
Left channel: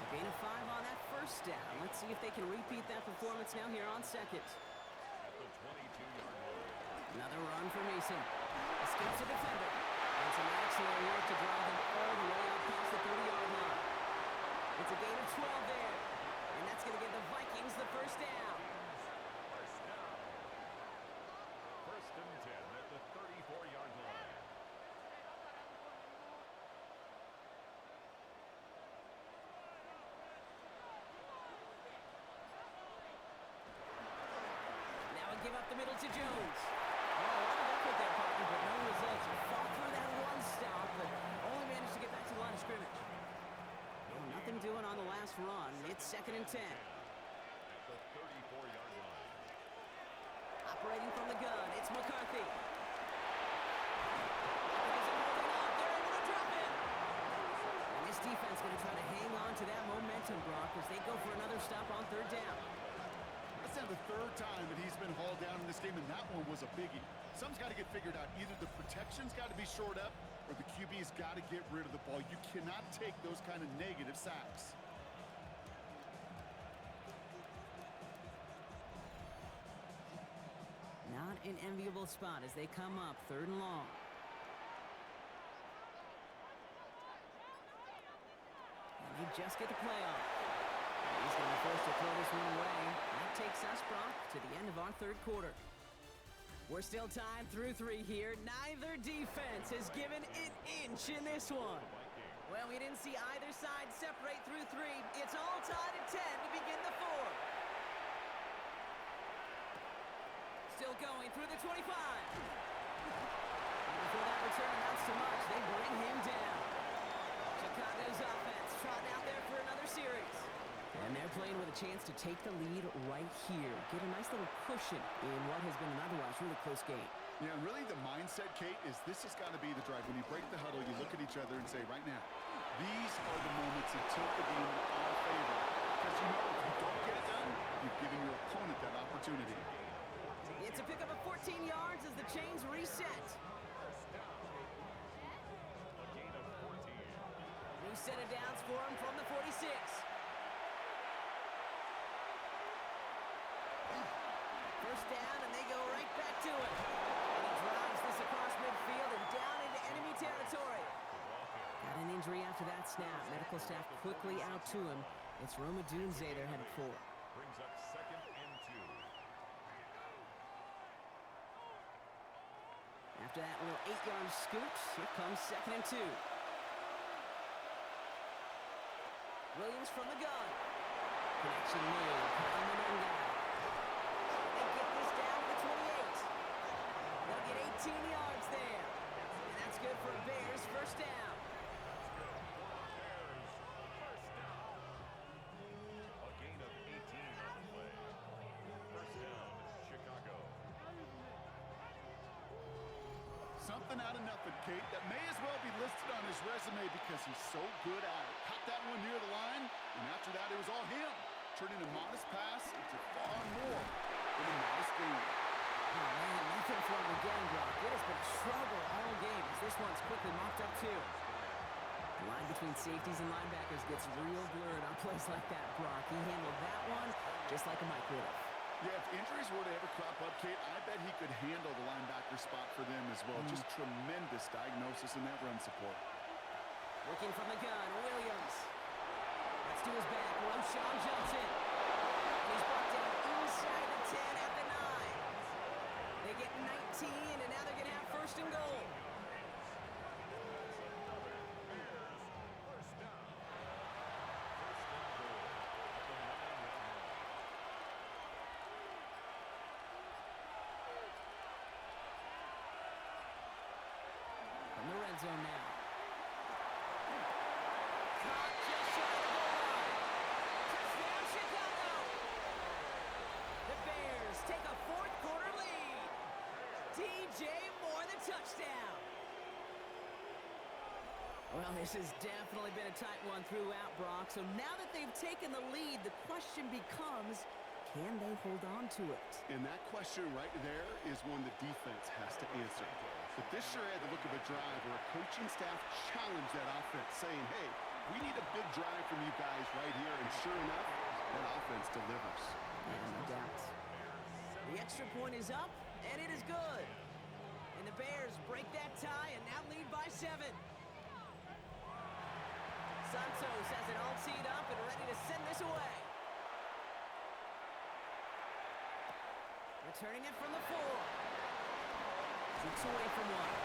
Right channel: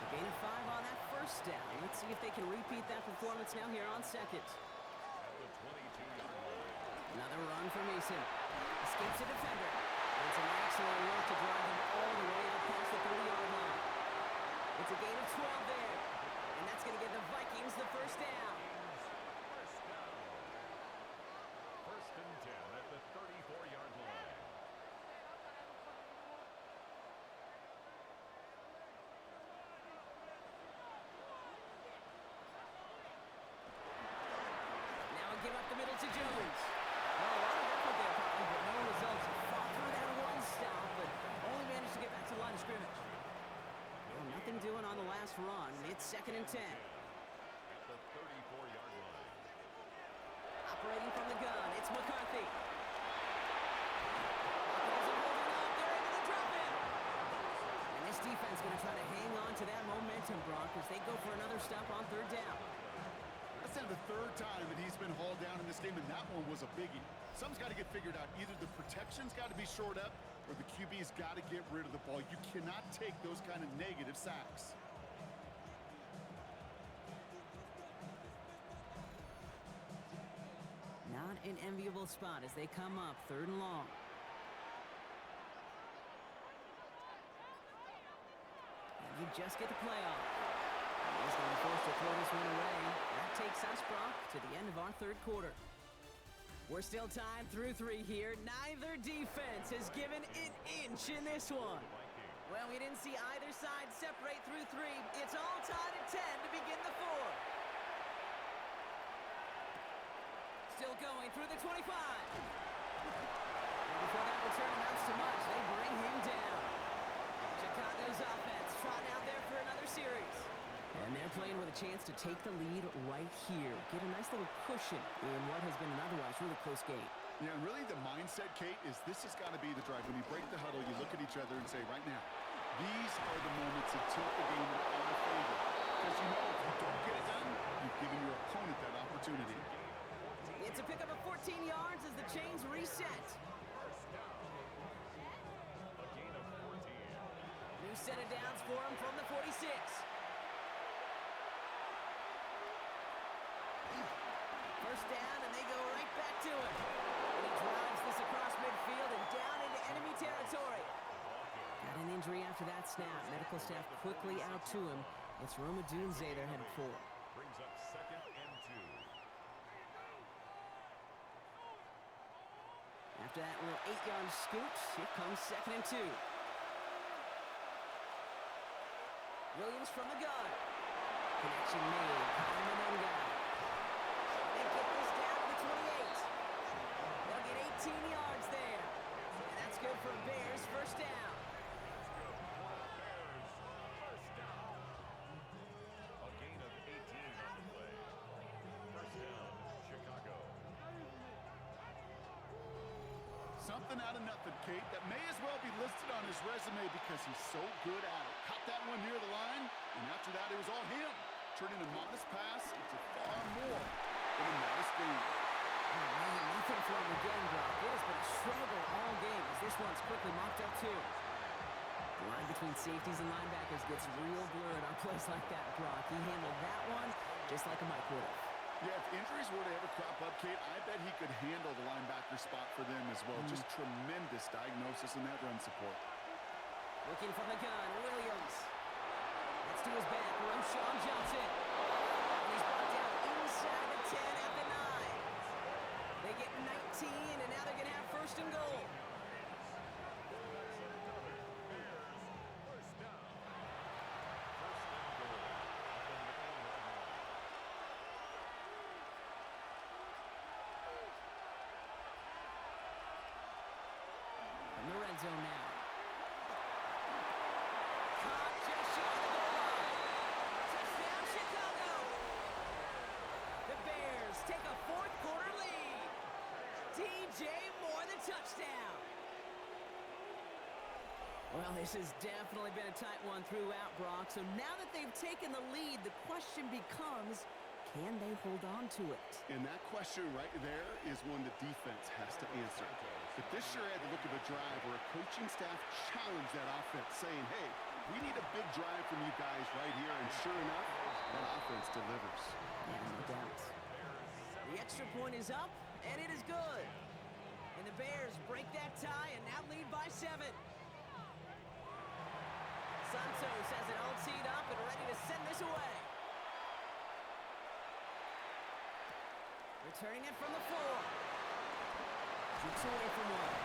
So gain of 5 on that 1st down. Let's see if they can repeat that performance now here on 2nd. At the 22-yard line. Another run for Mason. Escapes a defender. And some excellent work to drive him all the way out past the 30-yard line. It's a gain of 12 there. And that's going to give the Vikings the 1st down. First down. 1st and 10 at the 34-yard line. the middle to Jones. Well, a lot of effort there, partner, but no results. He fought through that one stop, but only managed to get back to the line of scrimmage. Well, nothing doing on the last run. It's 2nd and 10. At the 34-yard line. Operating from the gun, it's McCarthy. Hopkins isn't holding up. They're able to drop him. And this defense going to try to hang on to that momentum, Brock, as they go for another stop on 3rd down. That's now the 3rd time that he's been hauled down in this game, and that one was a biggie. Something's got to get figured out. Either the protection's got to be shored up, or the QB's got to get rid of the ball. You cannot take those kind of negative sacks. Not an enviable spot as they come up 3rd and long. And they just get the play off. He's going to be forced to throw this one away. That takes us, Brock, to the end of our 3rd quarter. We're still tied through 3 here. Neither defense has given an inch in this one. Well, we didn't see either side separate through 3. It's all tied at 10 to begin the 4th. Still going through the 25. And before that return amounts to much, they bring him down. Chicago's offense trotting out there for another series. And they're playing with a chance to take the lead right here. Get a nice little cushion in what has been an otherwise really close game. Yeah, and really the mindset, Kate, is this has got to be the drive. When you break the huddle, you look at each other and say, right now, these are the moments that tilt the game in our favor. Because you know if you don't get it done, you've given your opponent that opportunity. It's a pickup of 14 yards as the chains reset. A gain of 14. New set of downs for him from the 46. First down, and they go right back to him. And he drives this across midfield and down into enemy territory. Got an injury after that snap. Medical staff quickly out to him. It's Roma Dunze they're headed for. Brings up 2nd and 2. After that little 8-yard scoot, here comes 2nd and 2. Williams from the gun. Connection made. Kyle Monengai. They get this down to the 28. They'll get 18 yards there. And that's good for Bears first down. A gain of 18 on the play. First down, Chicago. Something out of nothing, Kate, that may as well be listed on his resume because he's so good at it. Caught that one near the line, and after that, it was all him. Turning a modest pass into far more than a modest gain. Oh, man, nothing for him again, Brock. It has been a struggle all game as this one's quickly mopped up, too. The line between safeties and linebackers gets real blurred on plays like that, Brock. He handled that one just like a Mike would have. Yeah, if injuries were to ever crop up, Kate, I bet he could handle the linebacker spot for them as well. Just tremendous diagnosis in that run support. Working from the gun, Williams. That's to his back, Roshan Johnson. And he's brought down inside the 10 at the 9. They get 19, and now they're going to have 1st and goal. First down. 1st and goal at the 9-yard line. From the red zone now. Caught just shy of the goal line. Touchdown, Chicago. The Bears take a 4th quarter lead. DJ Moore, the touchdown. Well, this has definitely been a tight one throughout, Brock. So now that they've taken the lead, the question becomes, can they hold on to it? And that question right there is one the defense has to answer. But this sure had the look of a drive where a coaching staff challenged that offense, saying, hey, we need a big drive from you guys right here. And sure enough, that offense delivers. Yeah, no doubt. The extra point is up, and it is good. And the Bears break that tie and now lead by 7. Santos has it all teed up and ready to send this away. Returning it from the 4. Shoots away from one.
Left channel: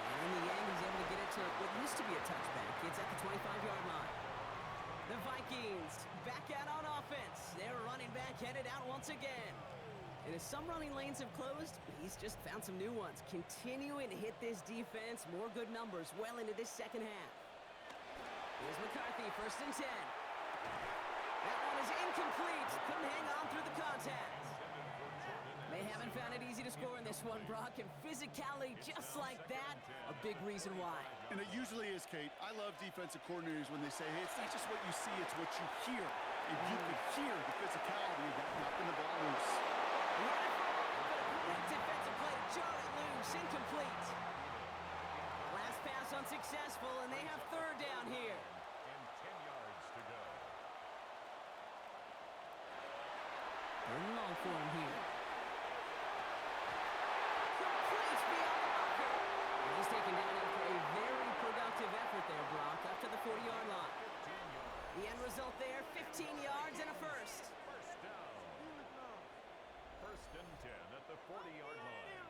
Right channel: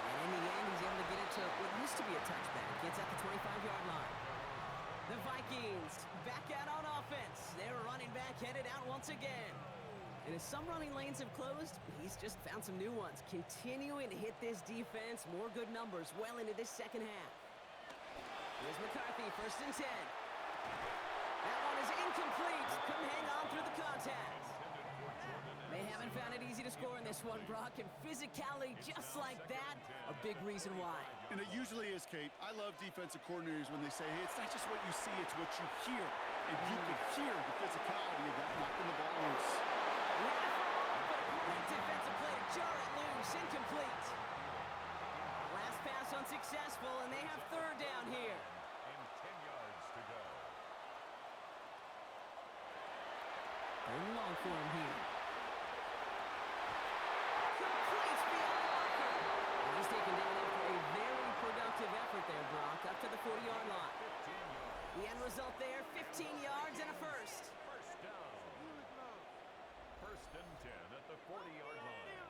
And in the end, he's able to get it to what used to be a touchback. It's at the 25-yard line. The Vikings back out on offense. Their running back headed out once again. And as some running lanes have closed, he's just found some new ones, continuing to hit this defense. More good numbers well into this second half. Here's McCarthy, 1st and 10. That one is incomplete. Couldn't hang on through the contact. They haven't found it easy to score in this one, Brock, and physicality just like that, a big reason why. And it usually is, Kate. I love defensive coordinators when they say, hey, it's not just what you see, it's what you hear. And you can hear the physicality of that knocking the ball loose. He had it for a moment, but a great defensive play to jar it loose. Incomplete. Last pass unsuccessful, and they have 3rd down here. And 10 yards to go. 3rd and long for him here. Complete beyond the marker. And he's taken down after a very productive effort there, Brock, up to the 40-yard line. 15 yards. The end result there, 15 yards and a first. First down. 1st and 10 at the 40-yard line.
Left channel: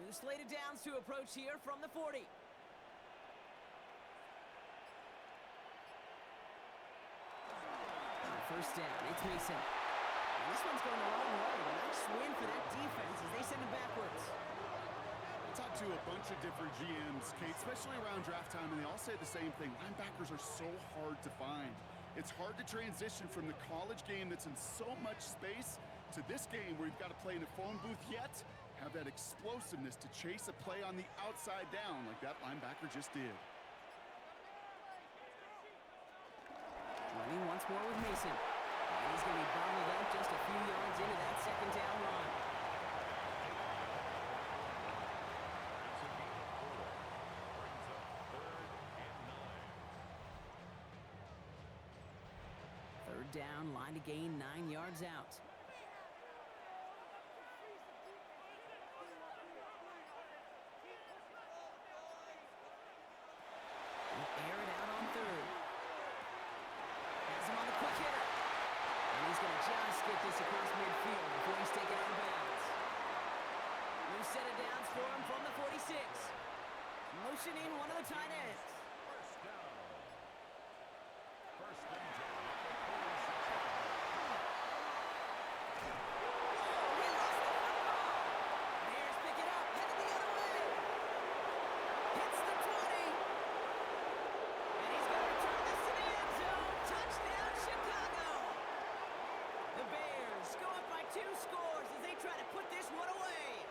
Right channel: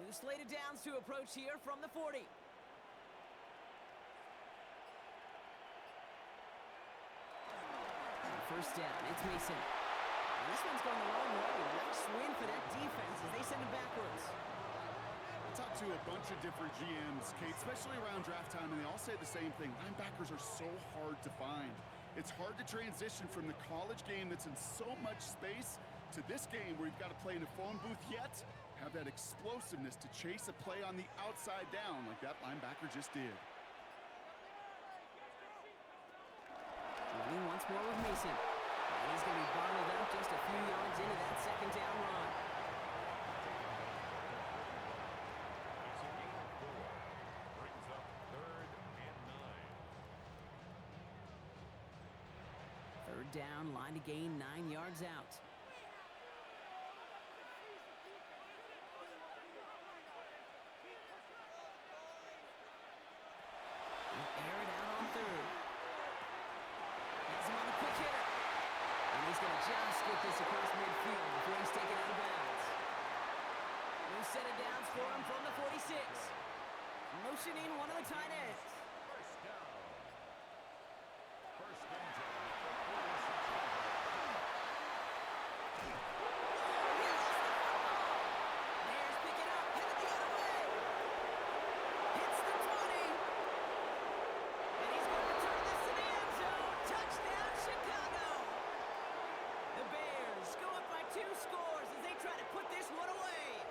New slate of downs to approach here from the 40. On 1st down, it's Mason. And this one's going the wrong way. Nice win for that defense as they send it backwards. I talked to a bunch of different GMs, Kate, especially around draft time, and they all say the same thing. Linebackers are so hard to find. It's hard to transition from the college game that's in so much space to this game where you've got to play in a phone booth, yet have that explosiveness to chase a play on the outside down like that linebacker just did. Running once more with Mason. And he's going to be bottled up just a few yards into that 2nd down run. It's a gain of 4. Brings up 3rd and 9. 3rd down, line to gain 9 yards out. Air it out on 3rd. Has him on the quick hitter. And he's going to just get this across midfield before he's taken out of bounds. New set of downs for him from the 46. Motioning one of the tight ends. First down. 1st and 10 at the 46-yard line. He lost the football. Bears pick it up, headed the other way. Hits the 20. And he's going to return this to the end zone. Touchdown, Chicago. The Bears go up by 2 scores as they try to put this one away.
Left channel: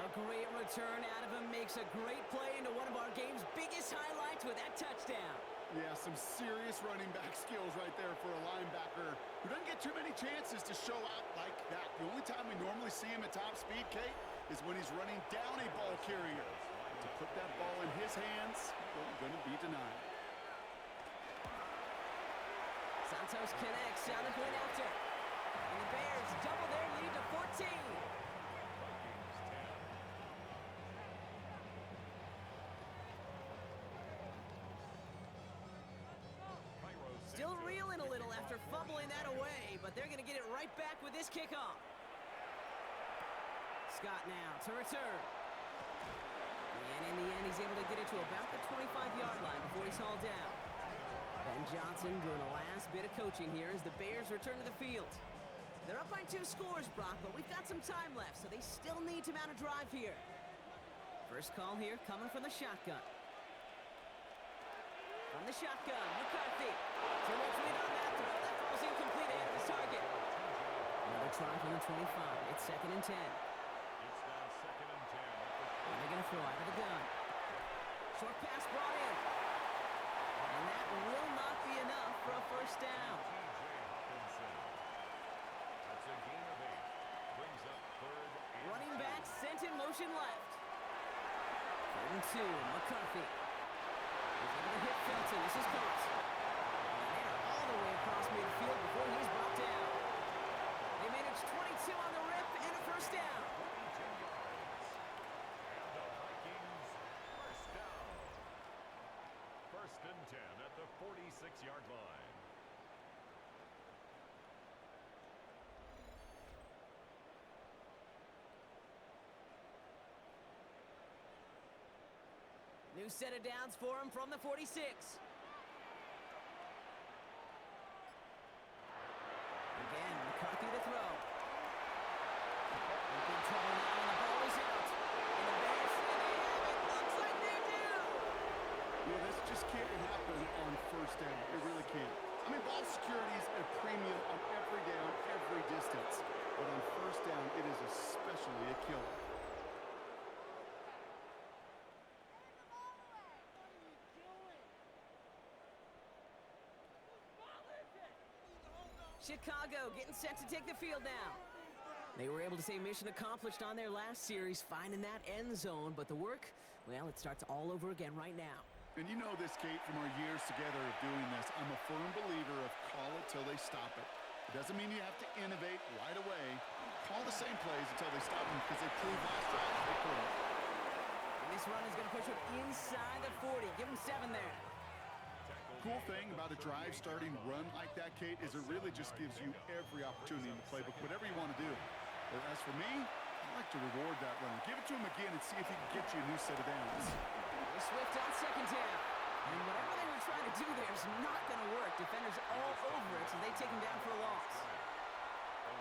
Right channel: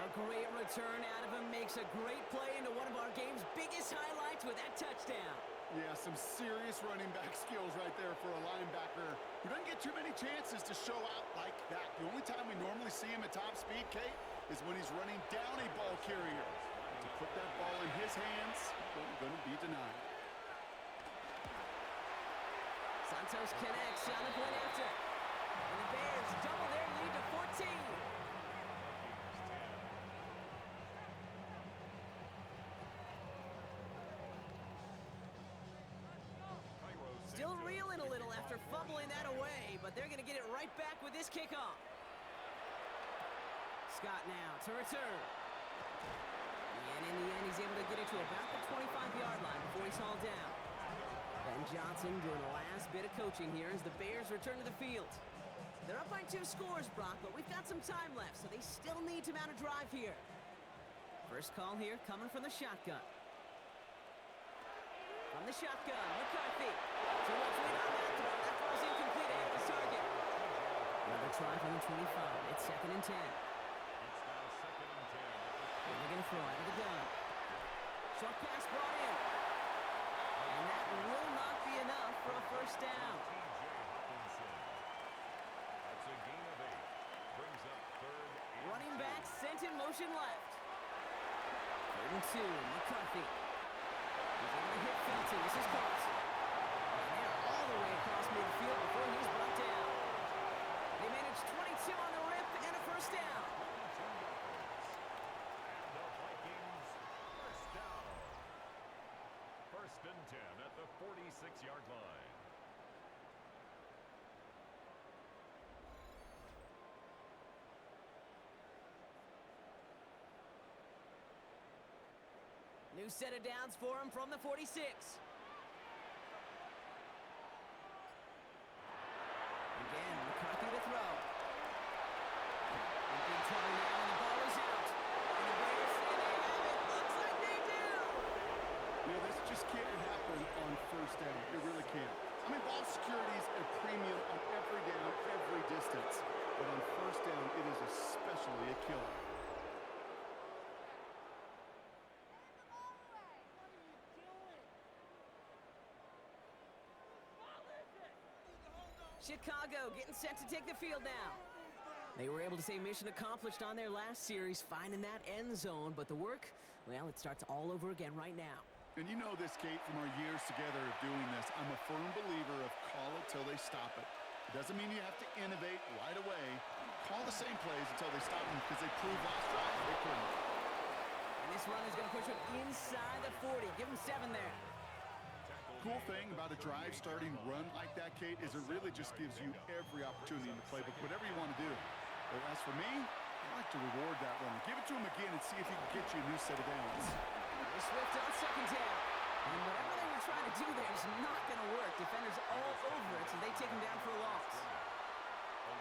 A great return out of him, makes a great play into one of our game's biggest highlights with that touchdown. Yeah, some serious running back skills right there for a linebacker who doesn't get too many chances to show out like that. The only time we normally see him at top speed, Kate, is when he's running down a ball carrier. To put that ball in his hands, wasn't going to be denied. Santos connects on the point after. And the Bears double their lead to 14. Vikings 10. Still reeling a little after fumbling that away, but they're going to get it right back with this kickoff. Scott now to return. And in the end, he's able to get it to about the 25-yard line before he's hauled down. Ben Johnson doing the last bit of coaching here as the Bears return to the field. They're up by 2 scores, Brock, but we've got some time left, so they still need to mount a drive here. First call here coming from the shotgun. From the shotgun, McCarthy. Too much lead on that throw. That falls incomplete ahead of his target. Another try from the 25. It's 2nd and 10. It's now 2nd and 10 at the And they're going to throw out of the gun. Short pass brought in. And that will not be enough for a first down. T.J. Hopkinson. That's a gain of 8. Brings up 3rd and Running 2. back sent in motion left. 3rd and 2, McCarthy. He's able to hit Felton. This is caught. And they're all the way across midfield before he's brought down. They managed 22 on the rip and a first down. 22 yards. And the Vikings first down. 1st and 10 at the 46-yard line. New set of downs for him from the 46. just can't happen on first down. It really can't. I mean, ball security is a premium on every down, every distance. But on first down, it is especially a killer. Chicago getting set to take the field now. They were able to say mission accomplished on their last series, finding that end zone. But the work, well, it starts all over again right now. And you know this, Kate, from our years together of doing this. I'm a firm believer of call it till they stop it. It doesn't mean you have to innovate right away. Call the same plays until they stop them, because they proved last drive they couldn't. And this run is going to push them inside the 40. Give them 7 there. Cool thing about a drive starting run like that, Kate, is it really just gives you every opportunity in the playbook, whatever you want to do. But as for me, I like to reward that runner. Give it to him again and see if he can get you a new set of downs. Swift on second down. And whatever they were trying to do there is not going to work. Defenders all over it, so they take him down for a loss.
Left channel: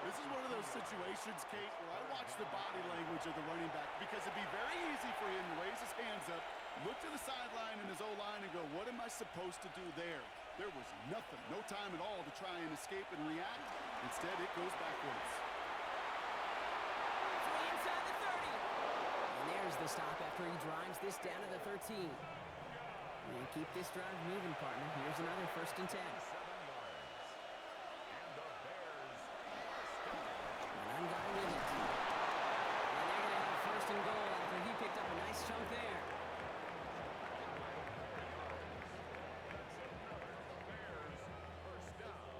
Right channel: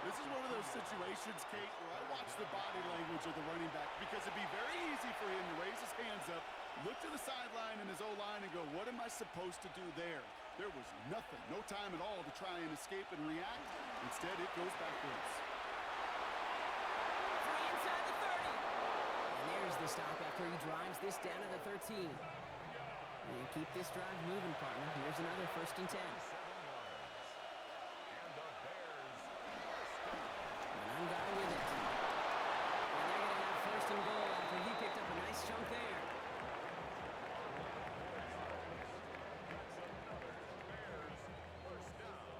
This is one of those situations, Kate, where I watch the body language of the running back, because it'd be very easy for him to raise his hands up, look to the sideline in his O-line and go, what am I supposed to do there? There was nothing, no time at all to try and escape and react. Instead, it goes backwards. 3 inside the 30. And there's the stop after he drives this down to the 13. And keep this drive moving, partner. Here's another 1st and 10. 7 yards. And the Bears One guy with it. And they're going to have 1st and goal after he picked up a nice chunk there. That's another Bears first down.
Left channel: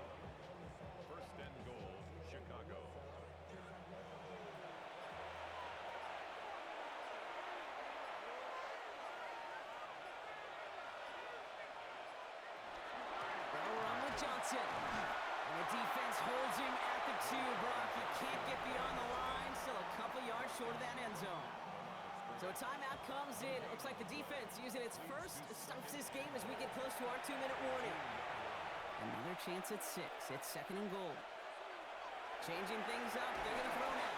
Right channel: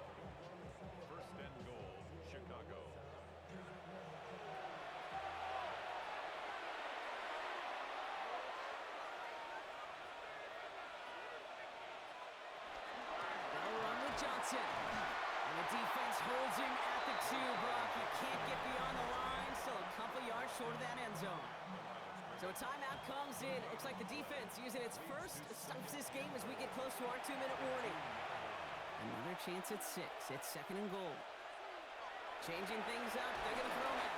1st and goal, Chicago. They'll run with Johnson. And the defense holds him at the 2, Brock. He can't get beyond the line. Still a couple yards short of that end zone. So a timeout comes in. It looks like the defense using its first stops this game as we get close to our 2-minute warning. Another chance at 6. It's 2nd and goal. Changing things up. They're going to throw now.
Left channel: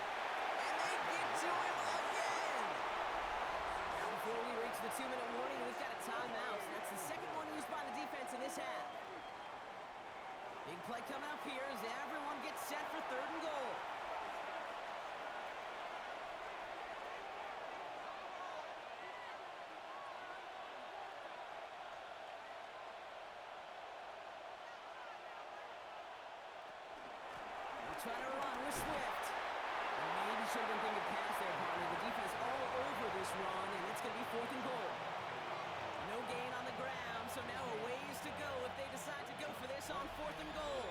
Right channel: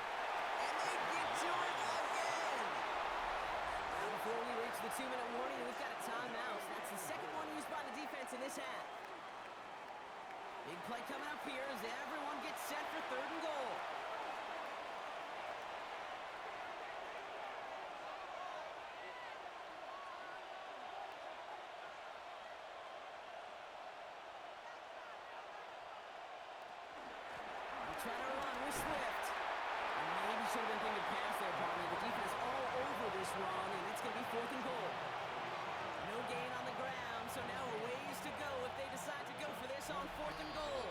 And they get to him again. Now before we reach the 2-minute warning, we've got a timeout. That's the 2nd one used by the defense in this half. Big play coming up here as everyone gets set for 3rd and goal. They'll try to run with Swift. And maybe should have been thinking pass there, partner. The defense all over this run, and it's going to be 4th and goal. No gain on the ground, so now a ways to go if they decide to go for this on 4th and goal.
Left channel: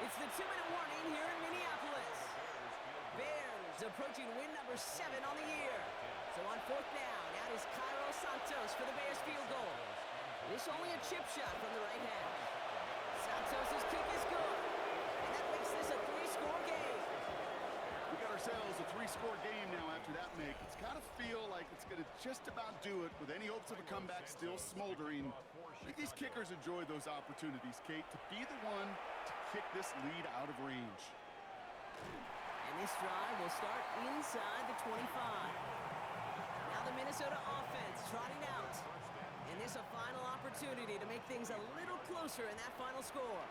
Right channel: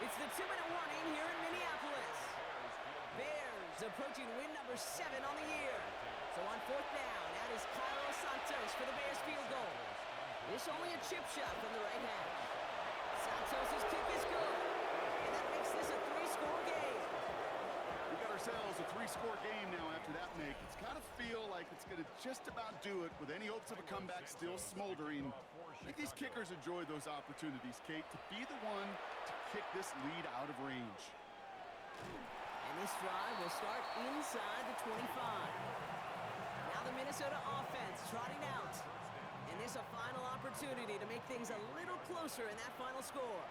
It's the 2-minute warning here in Minneapolis. Bears approaching win number 7 on the year. So on 4th down, out is Cairo Santos for the Bears field goal. This only a chip shot from the right hash. Santos' kick is good, and that makes this a 3-score game. We got ourselves a 3-score game now after that make. It's got to feel like it's going to just about do it with any hopes of a comeback still smoldering. I think these kickers enjoy those opportunities, Kate, to be the one to kick this lead out of range. And this drive will start inside the 25. Now the Minnesota offense trotting out. And this a final opportunity to make things a little closer in that final score.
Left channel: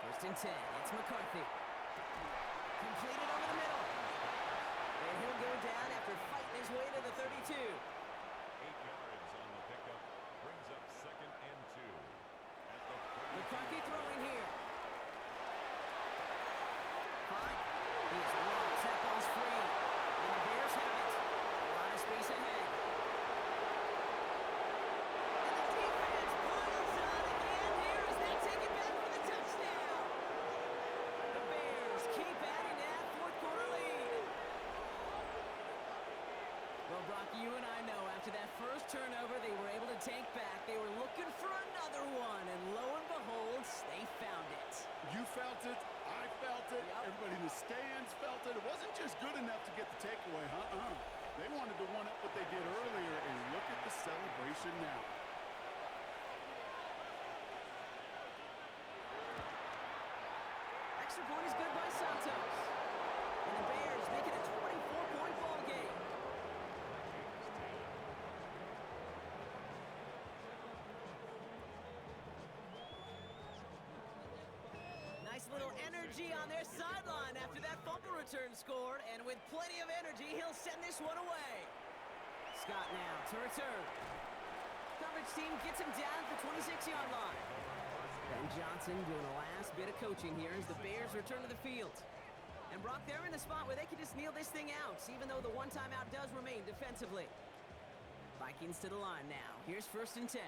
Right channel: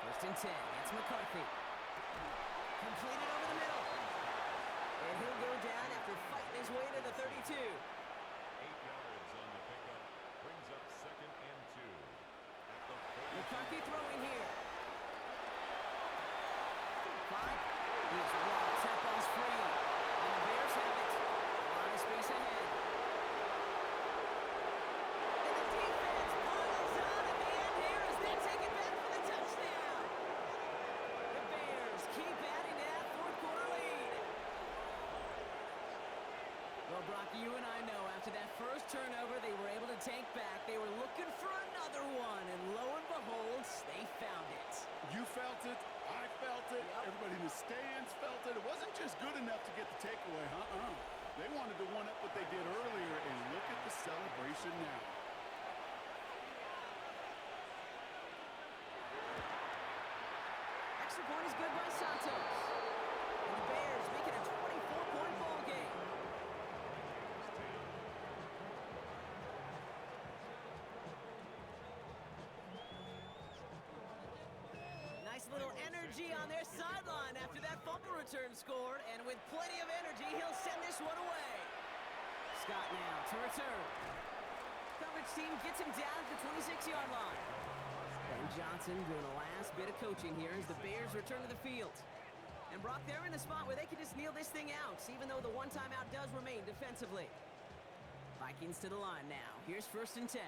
1st and 10. It's McCarthy. Completed over the middle. And he'll go down after fighting his way to the 32. 8 yards on the pickup. Brings up 2nd and 2. At the 32. McCarthy throwing here. 5. He's walked. That ball's free. And the Bears have it. A lot of space ahead. And the defense piles on at the end here as they take it back for the touchdown. The Bears keep adding to that 4th quarter lead. Well, Brock, you and I know after that first turnover they were able to take back. They were looking for another one, and lo and behold, they found it. You felt it. I felt it. Yep. Everybody in the stands felt it. It wasn't just good enough to get the takeaway, They wanted to one-up what they did earlier, and look at the celebration now. Extra point is good by Santos. And the Bears make it a 24-point ball game. Vikings 10, energy on their sideline after that fumble return scored, and with plenty of energy, he'll send this one away. Scott now to return. Coverage team gets him down at the 26-yard line. Ben Johnson doing the last bit of coaching here as the Bears return to the field. And Brock, they're in a spot where they can just kneel this thing out, even though the one timeout does remain defensively. Vikings to the line now. Here's 1st and 10.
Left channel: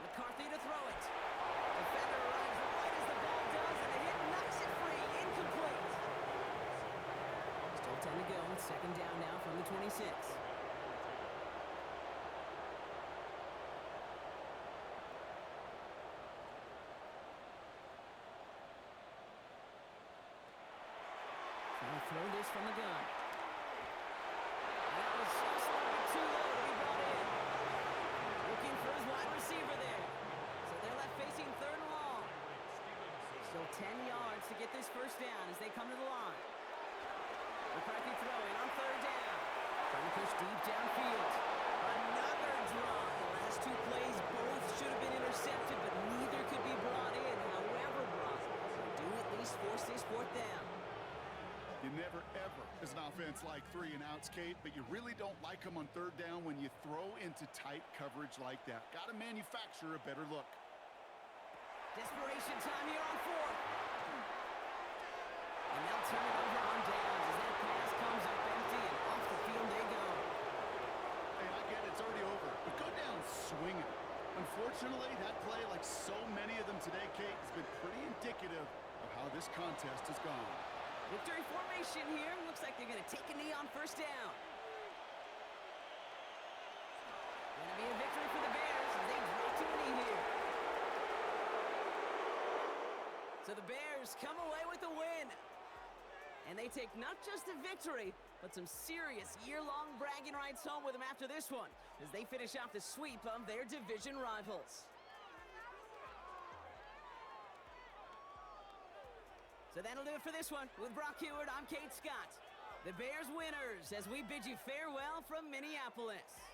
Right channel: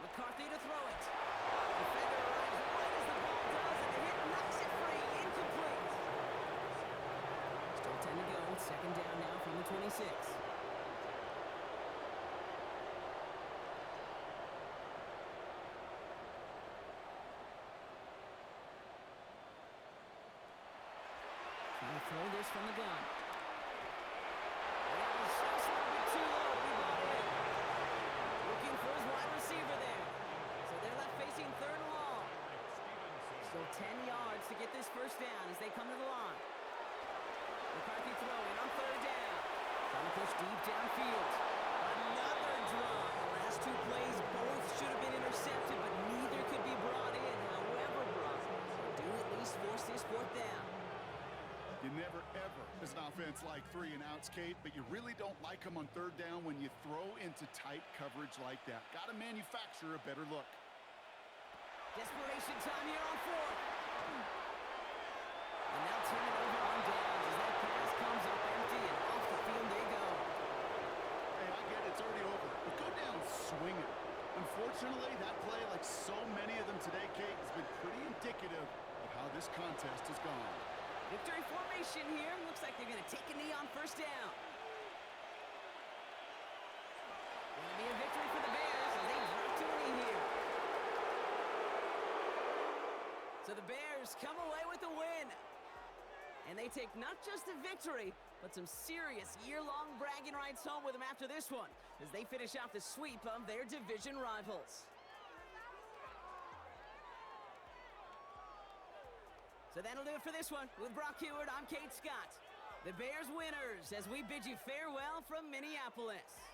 McCarthy to throw it. Defender arrives right as the ball does, and the hit knocks it free. Incomplete. Still 10 to go. 2nd down now from the 26. Trying to throw this from the gun. And that was just a little bit too low to be brought in. Looking for his wide receiver there. So they're left facing 3rd and long. Still 10 yards to get this 1st down as they come to the line. McCarthy throwing on 3rd down. Trying to push deep downfield. Another drop. The last 2 plays both should have been intercepted, but neither could be brought in. However, Brock, they do at least force this 4th down. You never, ever, as an offense, like 3 and outs, Kate, but you really don't like them on 3rd down when you throw into tight coverage like that. Got to manufacture a better look. Desperation time here on 4th. And they'll turn it over on downs as that pass comes up empty and off the field they go. Hey, I get it, it's already over. But go down swinging. Unfortunately, that play, like so many of them today, Kate, has been pretty indicative of how this contest has gone. Victory formation here. Looks like they're going to take a knee on 1st down. Going to be a victory for the Bears as they drop to a knee here. So the Bears come away with a win. And they take not just a victory, but some serious year-long bragging rights home with them after this one as they finish off the sweep of their division rivals. So that'll do it for this one. With Brock Heward, I'm Kate Scott. The Bears winners as we bid you farewell from Minneapolis.